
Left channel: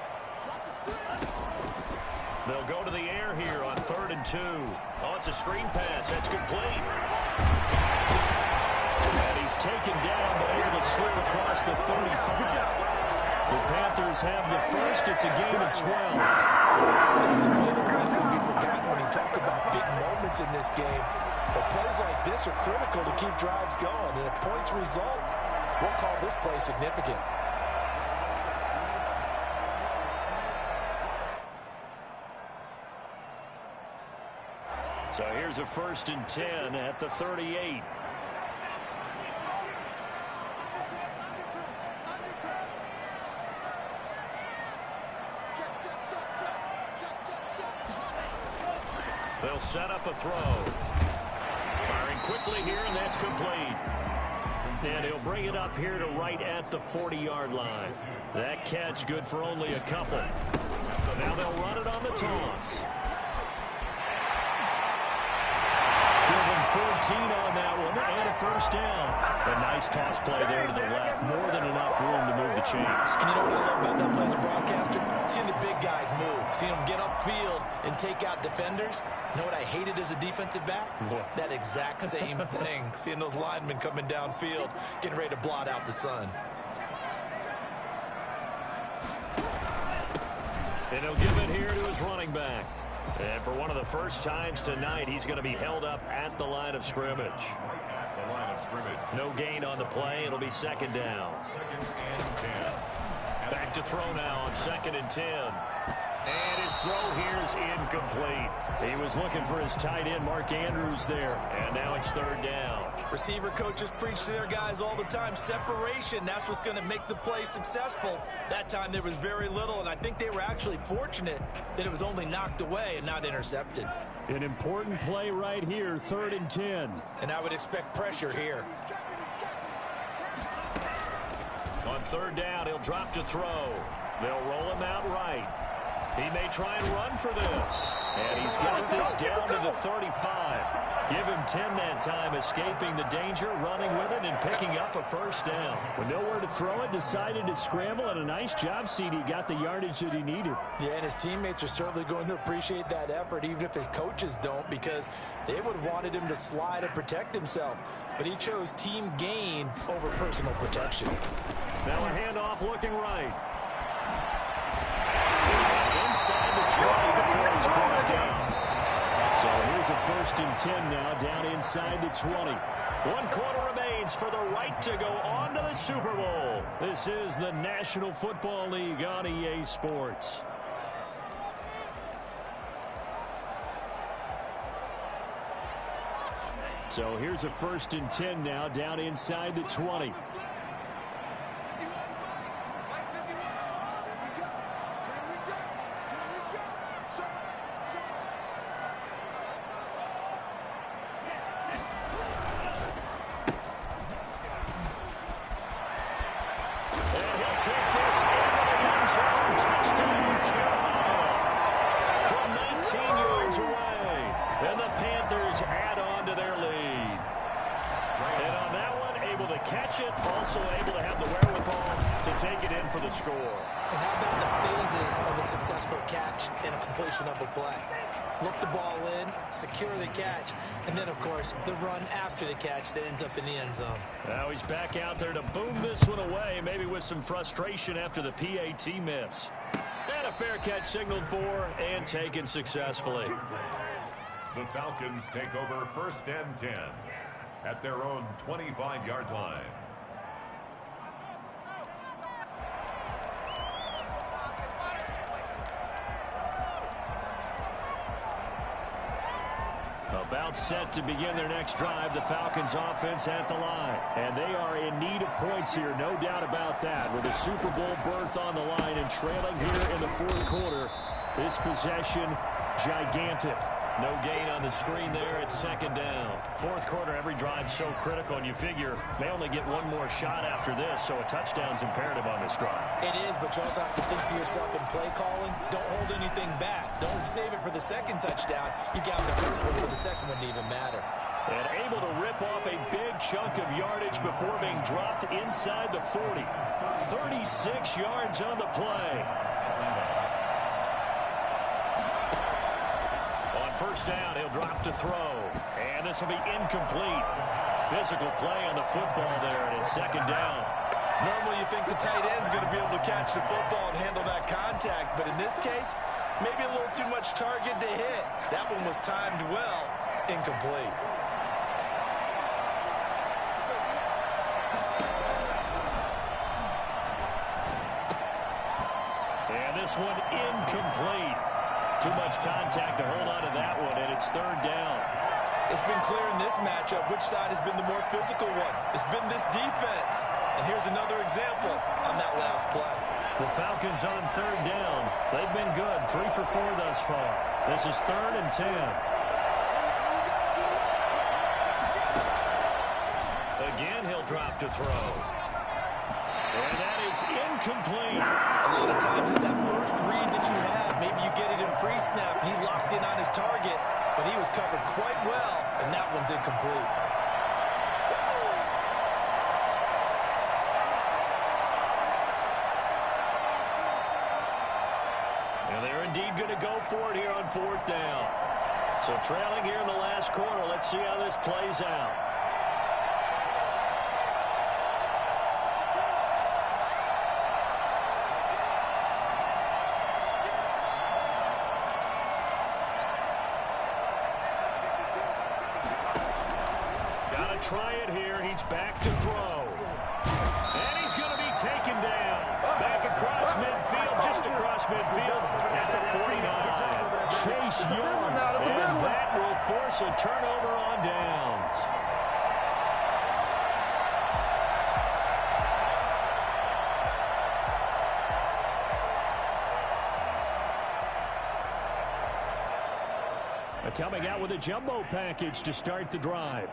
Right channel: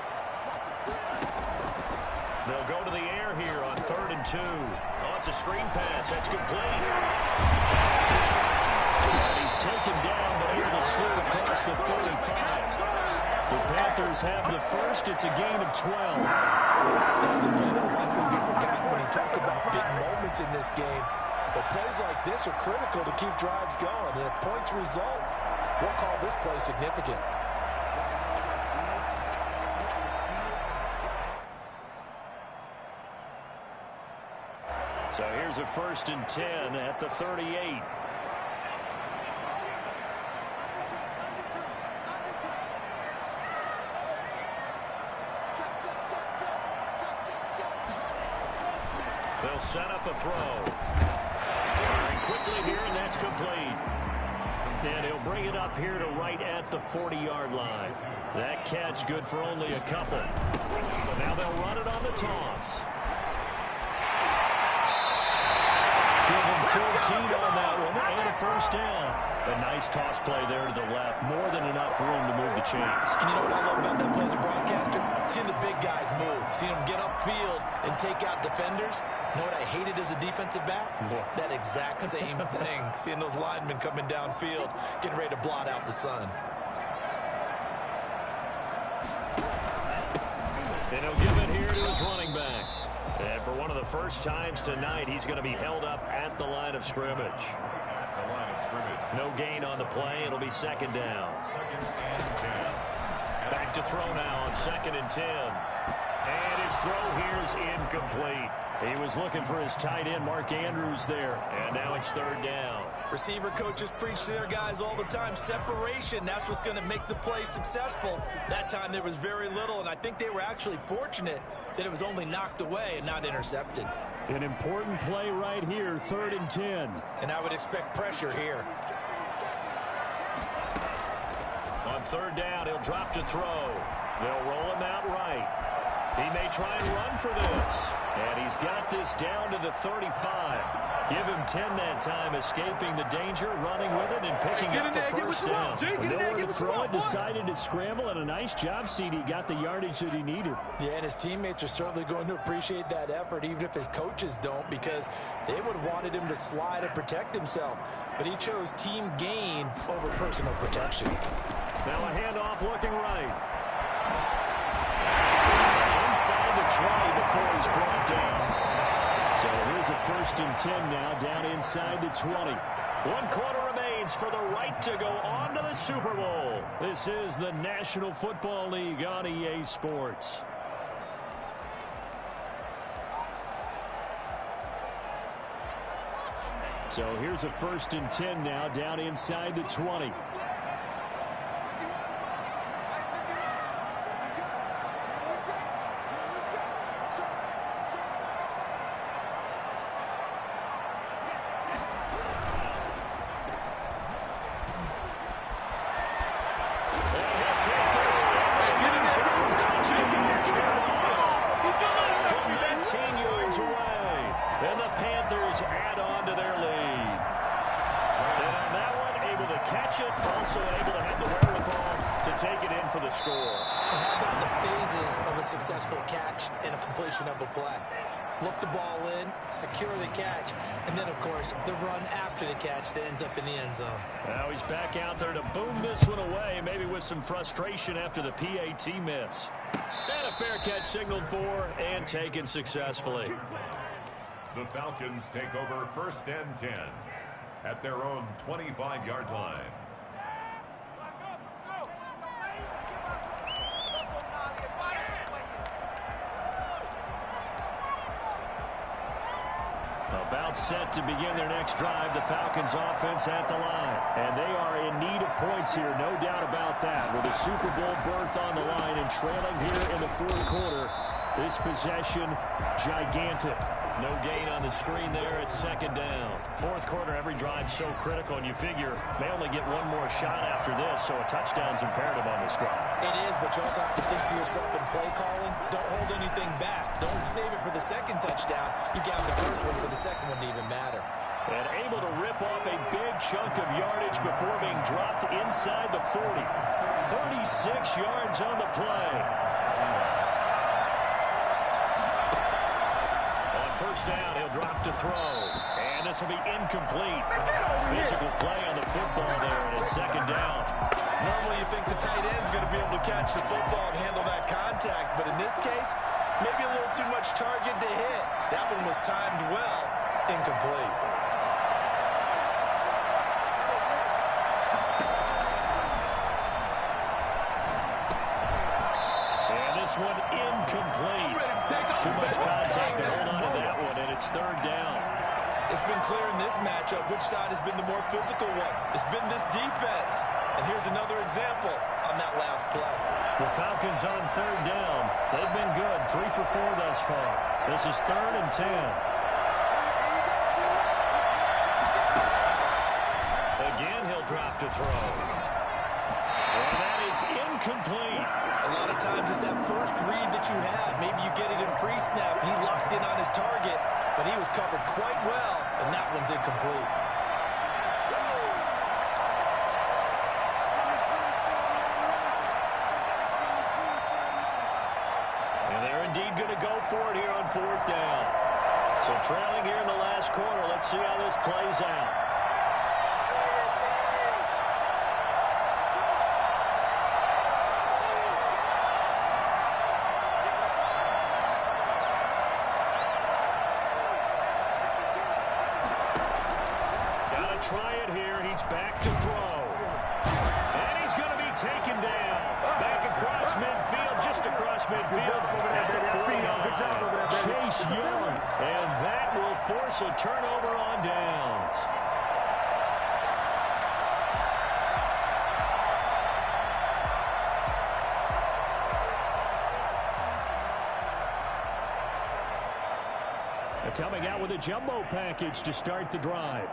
They'll go to the air here on 3rd and 2. Oh, it's a screen pass. That's complete. And he's taken down, but able to slip across the 35. The Panthers have the first. It's a gain of 12. That's a play that will likely be forgotten when you talk about big moments in this game. But plays like this are critical to keep drives going. And if points result, we'll call this play significant. So here's a 1st and 10 at the 38. They'll set up a throw. Firing quickly here, and that's complete. And he'll bring it up here to right at the 40-yard line. That catch good for only a couple. So now they'll run it on the toss. Give him 14 on that one and a 1st down. A nice toss play there to the left. More than enough room to move the chains. And you know what I love about that play as a broadcaster? Seeing the big guys move. Seeing them get upfield and take out defenders. You know what I hated as a defensive back? What? That exact same thing. Seeing those linemen coming downfield, getting ready to blot out the sun. And he'll give it here to his running back. And for one of the first times tonight, he's going to be held up at the line of scrimmage. At the line of scrimmage. No gain on the play. It'll be 2nd down. 2nd and 10. Back to throw now on 2nd and 10. And his throw here is incomplete. He was looking for his tight end, Mark Andrews, there. And now it's 3rd down. Receiver coaches preach to their guys all the time. Separation, that's what's going to make the play successful. That time there was very little, and I think they were actually fortunate that it was only knocked away and not intercepted. An important play right here, 3rd and 10. And I would expect pressure here. On 3rd down, he'll drop to throw. They'll roll him out right. He may try and run for this. And he's got this down to the 35. Give him 10 that time, escaping the danger, running with it, and picking up a 1st down. With nowhere to throw it, decided to scramble, and a nice job, CD. Got the yardage that he needed. Yeah, and his teammates are certainly going to appreciate that effort, even if his coaches don't, because they would have wanted him to slide and protect himself. But he chose team gain over personal protection. Now a handoff looking right. Inside the 20 before he's brought down. So here's a 1st and 10 now, down inside the 20. 1 quarter remains for the right to go on to the Super Bowl. This is the National Football League on EA Sports. So here's a 1st and 10 now, down inside the 20. Also able to have the wherewithal to take it in for the score. And how about the phases of a successful catch and a completion of a play? Look the ball in, secure the catch, and then, of course, the run after the catch that ends up in the end zone. Now he's back out there to boom this one away, maybe with some frustration after the PAT miss. And a fair catch signaled for and taken successfully. The Falcons take over 1st and 10 at their own 25-yard line. About set to begin their next drive, the Falcons offense at the line. And they are in need of points here, no doubt about that. With a Super Bowl berth on the line and trailing here in the 4th quarter, this possession, gigantic. No gain on the screen there at 2nd down. 4th quarter, every drive so critical, and you figure they only get one more shot after this, so a touchdown's imperative on this drive. It is, but you also have to think to yourself in play calling, don't hold anything back. Don't save it for the 2nd touchdown. You got the 1st one for the 2nd one to even matter. And able to rip off a big chunk of yardage before being dropped inside the 40. 36 yards on the play. first down. He'll drop to throw. And this will be incomplete. Physical play on the football there, and it's second down. Normally you think the tight end's going to be able to catch the football and handle that contact, but in this case, maybe a little too much target to hit. That one was timed well, incomplete. And this one incomplete. Too much contact to hold on to that one, and it's third down. It's been clear in this matchup which side has been the more physical one. It's been this defense. And here's another example on that last play. The Falcons on third down. They've been good, 3 for 4 thus far. This is 3rd and 10. Again, he'll drop to throw. And that is incomplete. A lot of times it's that first read that you have. Maybe you get it in pre-snap, and he locked in on his target, but he was covered quite well, and that one's incomplete. And they're indeed going to go for it here on 4th down. So trailing here in the last quarter. Let's see how this plays out. Got to try it here. He's back to throw. And he's going to be taken down. Back across midfield, just across midfield at the 49. Chase Young. And that will force a turnover on downs. Coming out with a jumbo package to start the drive.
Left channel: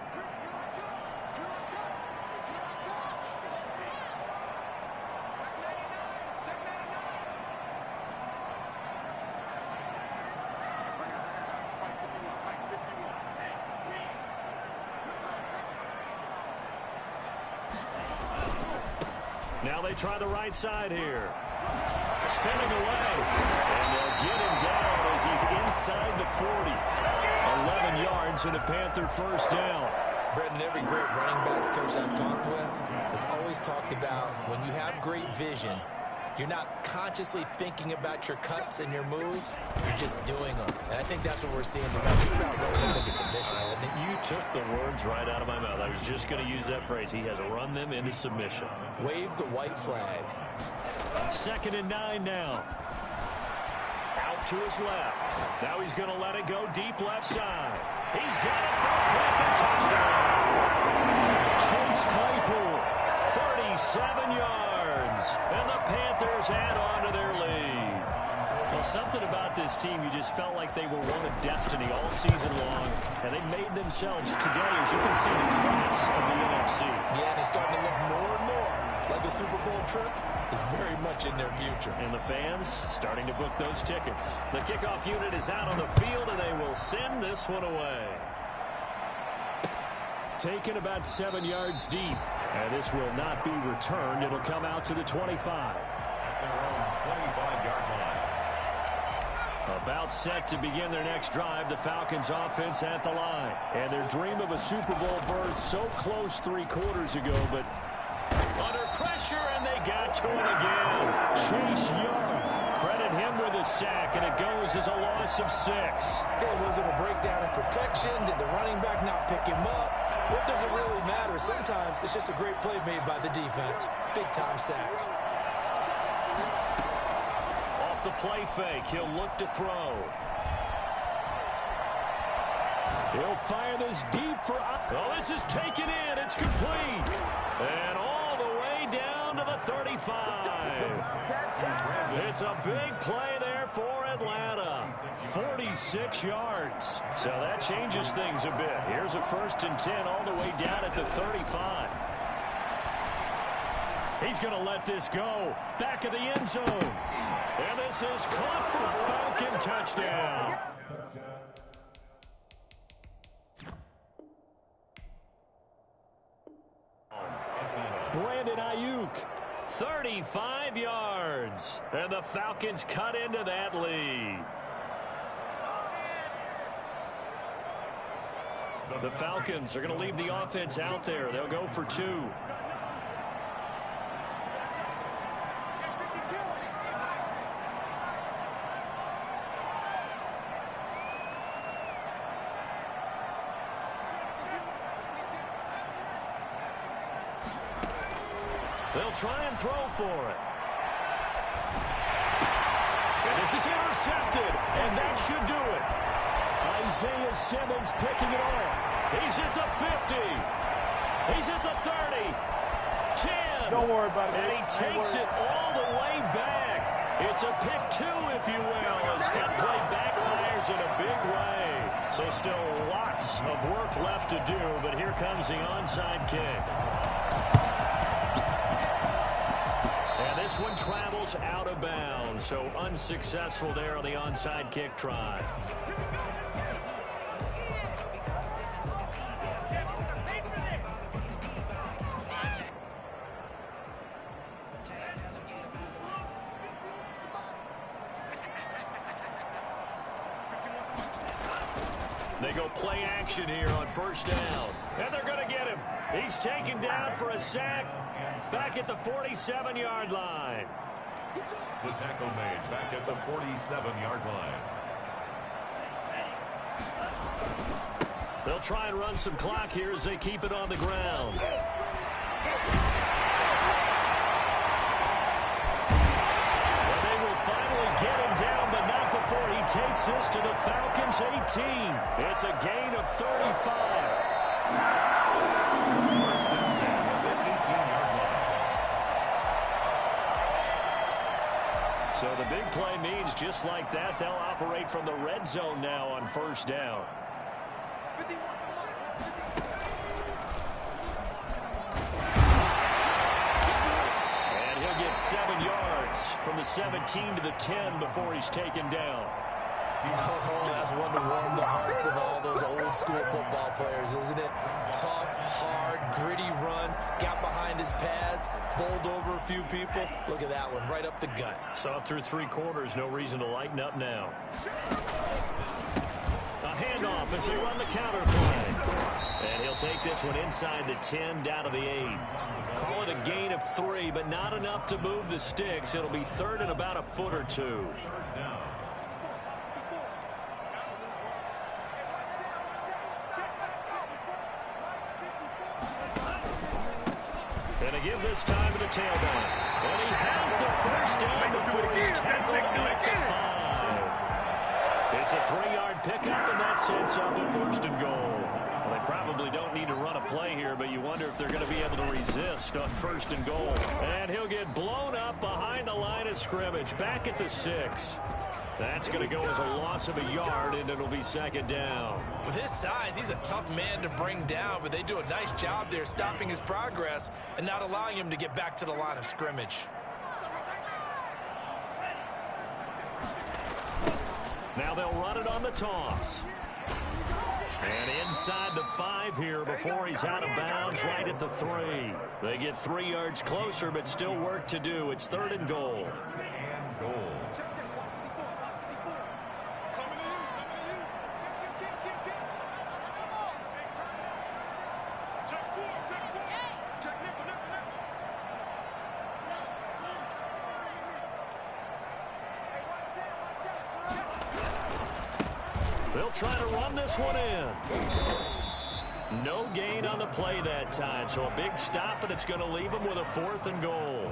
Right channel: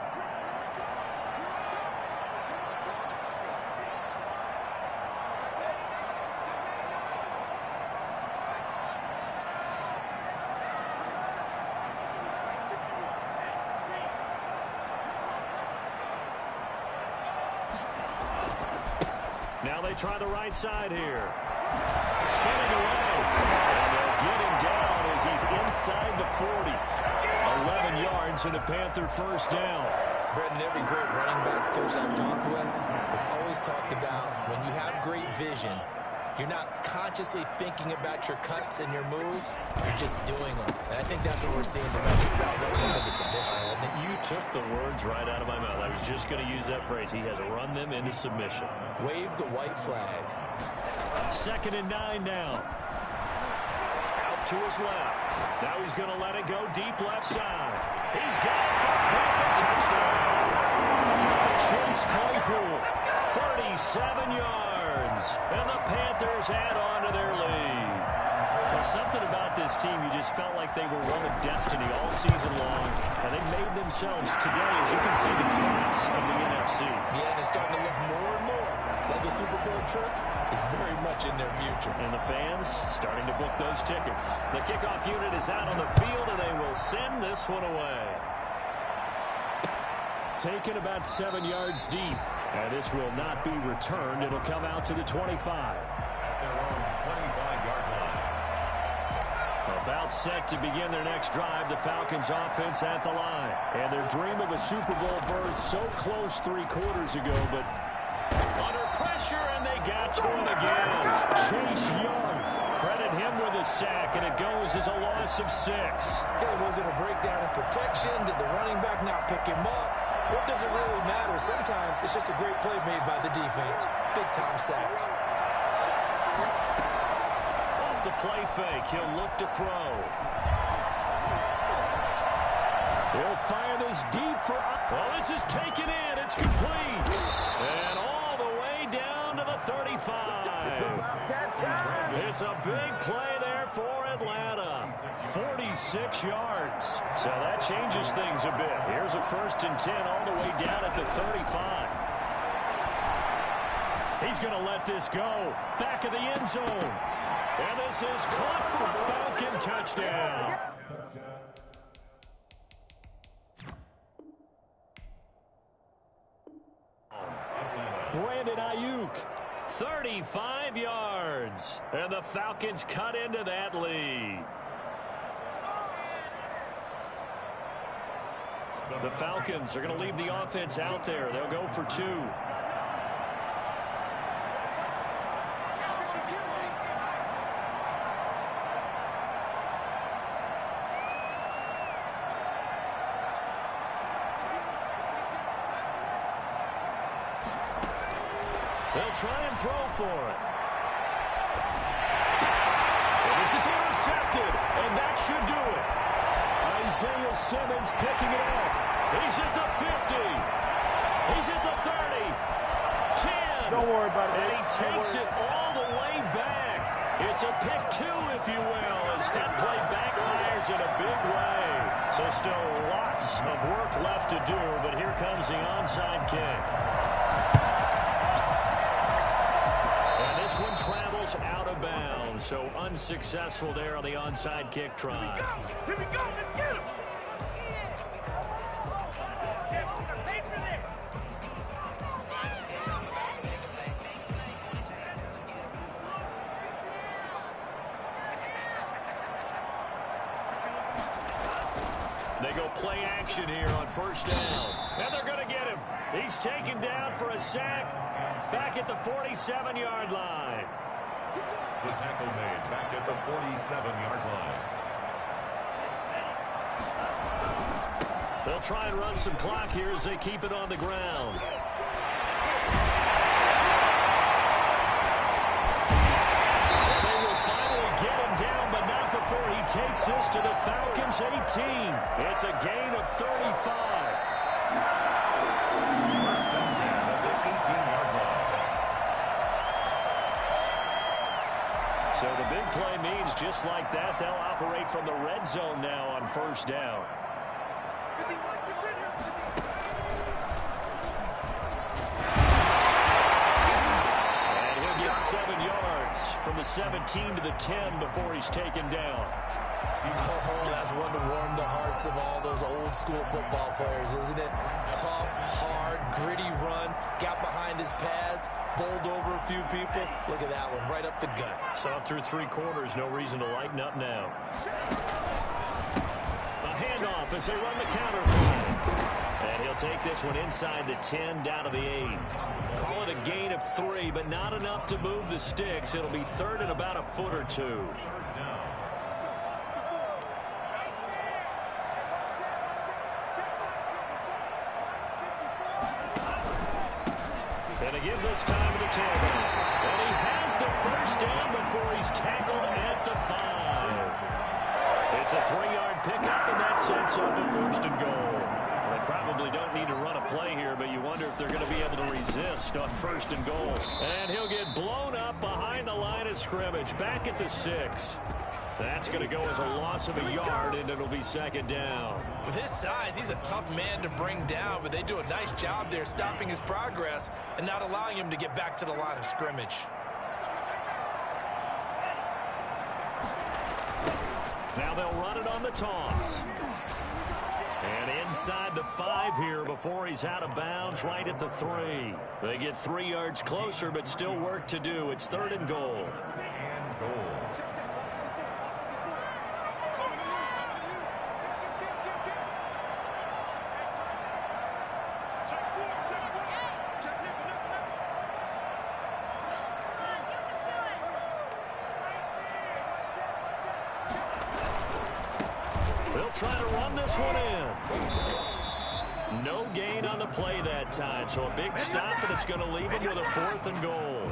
Now they try the right side here. Spinning away. And they'll get him down as he's inside the 40. 11 yards and a Panther first down. Brendan, every great running backs coach I've talked with has always talked about when you have great vision, you're not consciously thinking about your cuts and your moves. You're just doing them. And I think that's what we're seeing tonight. He's about running into submission, hasn't he? You took the words right out of my mouth. I was just going to use that phrase. He has run them into submission. Wave the white flag. 2nd and 9 now. Out to his left. Now he's going to let it go deep left side. He's got it for a Panther touchdown. Chase Claypool, 37 yards. And the Panthers add on to their lead. Well, something about this team, you just felt like they were one of destiny all season long, and they made themselves today, as you can see, the class of the NFC. Yeah, and it's starting to look more and more like a Super Bowl trip is very much in their future. And the fans starting to book those tickets. The kickoff unit is out on the field, and they will send this one away. Taken about 7 yards deep. And this will not be returned. It'll come out to the 25. At their own 25-yard line. About set to begin their next drive. The Falcons offense at the line. And their dream of a Super Bowl berth so close 3 quarters ago, but under pressure, and they got to him again. Chase Young. Credit him with a sack, and it goes as a loss of 6. Okay, was it a breakdown in protection? Did the running back not pick him up? What does it really matter? Sometimes it's just a great play made by the defense. Big-time sack. Off the play fake, he'll look to throw. He'll fire this deep for... Oh, this is taken in. It's complete. And all the way down to the 35. It's a big play there for Atlanta. 46 yards. So that changes things a bit. Here's a 1st and 10 all the way down at the 35. He's going to let this go. Back of the end zone. And this is caught for a Falcon touchdown. Brandon Ayuk, 35 yards. And the Falcons cut into that lead. The Falcons are going to leave the offense out there. They'll go for 2. They'll try and throw for it. And this is intercepted, and that should do it. Isaiah Simmons picking it off. He's at the 50. He's at the 30. 10. Don't worry about it. And he takes it all the way back. It's a pick 2, if you will, as that play backfires in a big way. So still lots of work left to do, but here comes the onside kick. And this one travels out of bounds, so unsuccessful there on the onside kick try. Here we go, let's get him. They go play action here on first down. And they're going to get him. He's taken down for a sack back at the 47-yard line. The tackle made back at the 47-yard line. They'll try and run some clock here as they keep it on the ground. And they will finally get him down, but not before he takes this to the Falcons' 18. It's a gain of 35. First and 10 at the 18-yard line. So the big play means just like that, they'll operate from the red zone now on first down. And he'll get 7 yards from the 17 to the 10 before he's taken down. Oh, that's one to warm the hearts of all those old school football players, isn't it? Tough, hard, gritty run, got behind his pads, bowled over a few people. Look at that one, right up the gut. Saw it through 3 quarters, no reason to lighten up now. A handoff as they run the counter play. And he'll take this one inside the 10 down to the 8. Call it a gain of 3, but not enough to move the sticks. It'll be third and about a foot or 2. Third down. And to give this time to the tailback. And he has the first down before he's tackled at the 5. It's a 3-yard pickup, and that sets up a first and goal. Well, they probably don't need to run a play here, but you wonder if they're going to be able to resist on first and goal. And he'll get blown up behind the line of scrimmage, back at the 6. That's going to go as a loss of a yard, and it'll be second down. With his size, he's a tough man to bring down, but they do a nice job there stopping his progress and not allowing him to get back to the line of scrimmage. Now they'll run it on the toss. And inside the 5 here before he's out of bounds, right at the 3. They get 3 yards closer, but still work to do. It's third and goal. And goal. They'll try to run this one in. No gain on the play that time, so a big stop, and it's going to leave him with a 4th and goal.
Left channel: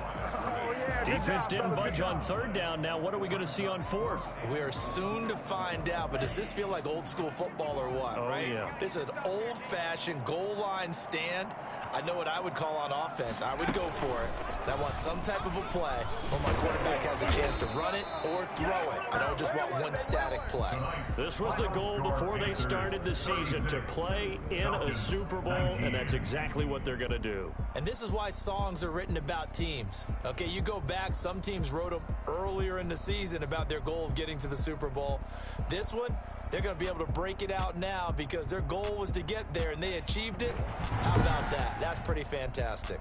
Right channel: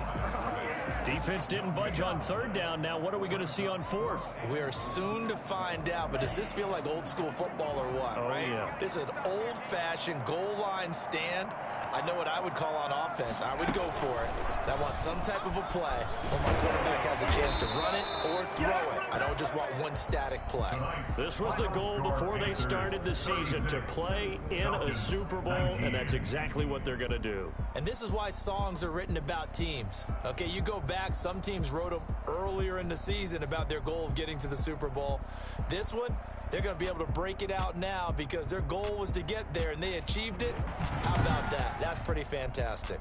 Defense didn't budge on third down. Now what are we going to see on 4th? We are soon to find out, but does this feel like old school football or what, right? Yeah. This is an old-fashioned goal line stand. I know what I would call on offense. I would go for it. And I want some type of a play where my quarterback has a chance to run it or throw it. I don't just want one static play. This was the goal before they started the season, to play in a Super Bowl, and that's exactly what they're going to do. And this is why songs are written about teams. Okay, you go back, some teams wrote them earlier in the season about their goal of getting to the Super Bowl. This one, they're going to be able to break it out now because their goal was to get there, and they achieved it. How about that? That's pretty fantastic.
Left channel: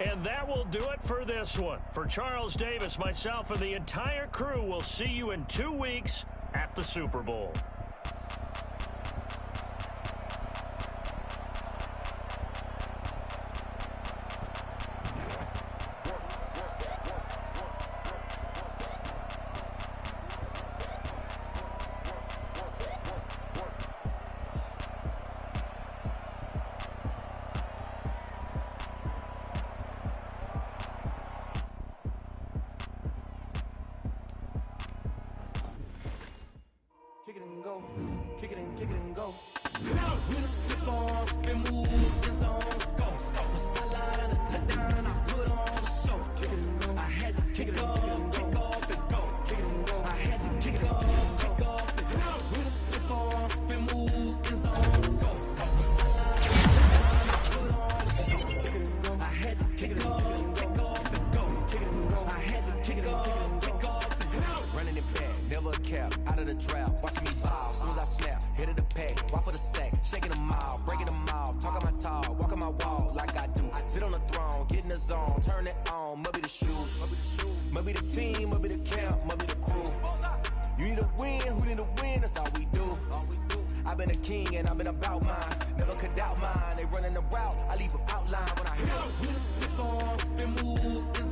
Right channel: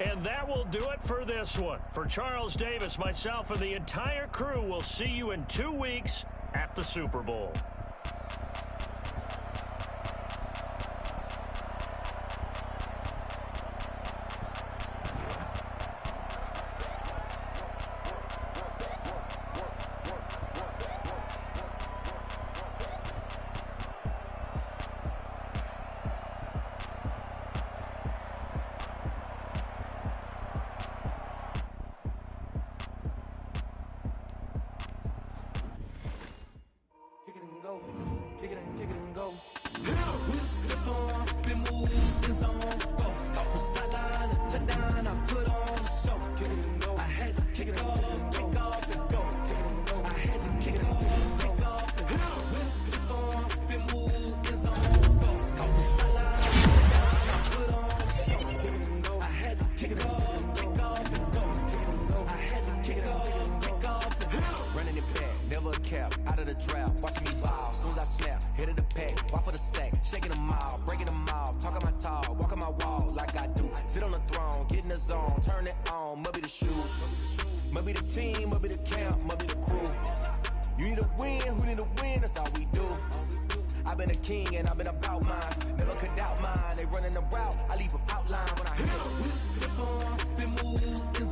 And that will do it for this one. For Charles Davis, myself, and the entire crew, we'll see you in 2 weeks at the Super Bowl. out of the draft, watching me ball. Soon as I snap, hit of the pack, walk for the sack, shaking them all, breaking them all, talking my tall, walking my wall like I do. Sit on the throne, get in the zone, turn it on, must be the shoes, must be the team, must be the camp, must be the crew. You need a win, who need a win, that's all we do. I've been a king and I've been about mine, never could doubt mine. They running the route, I leave them outline when I hit them. Spin move.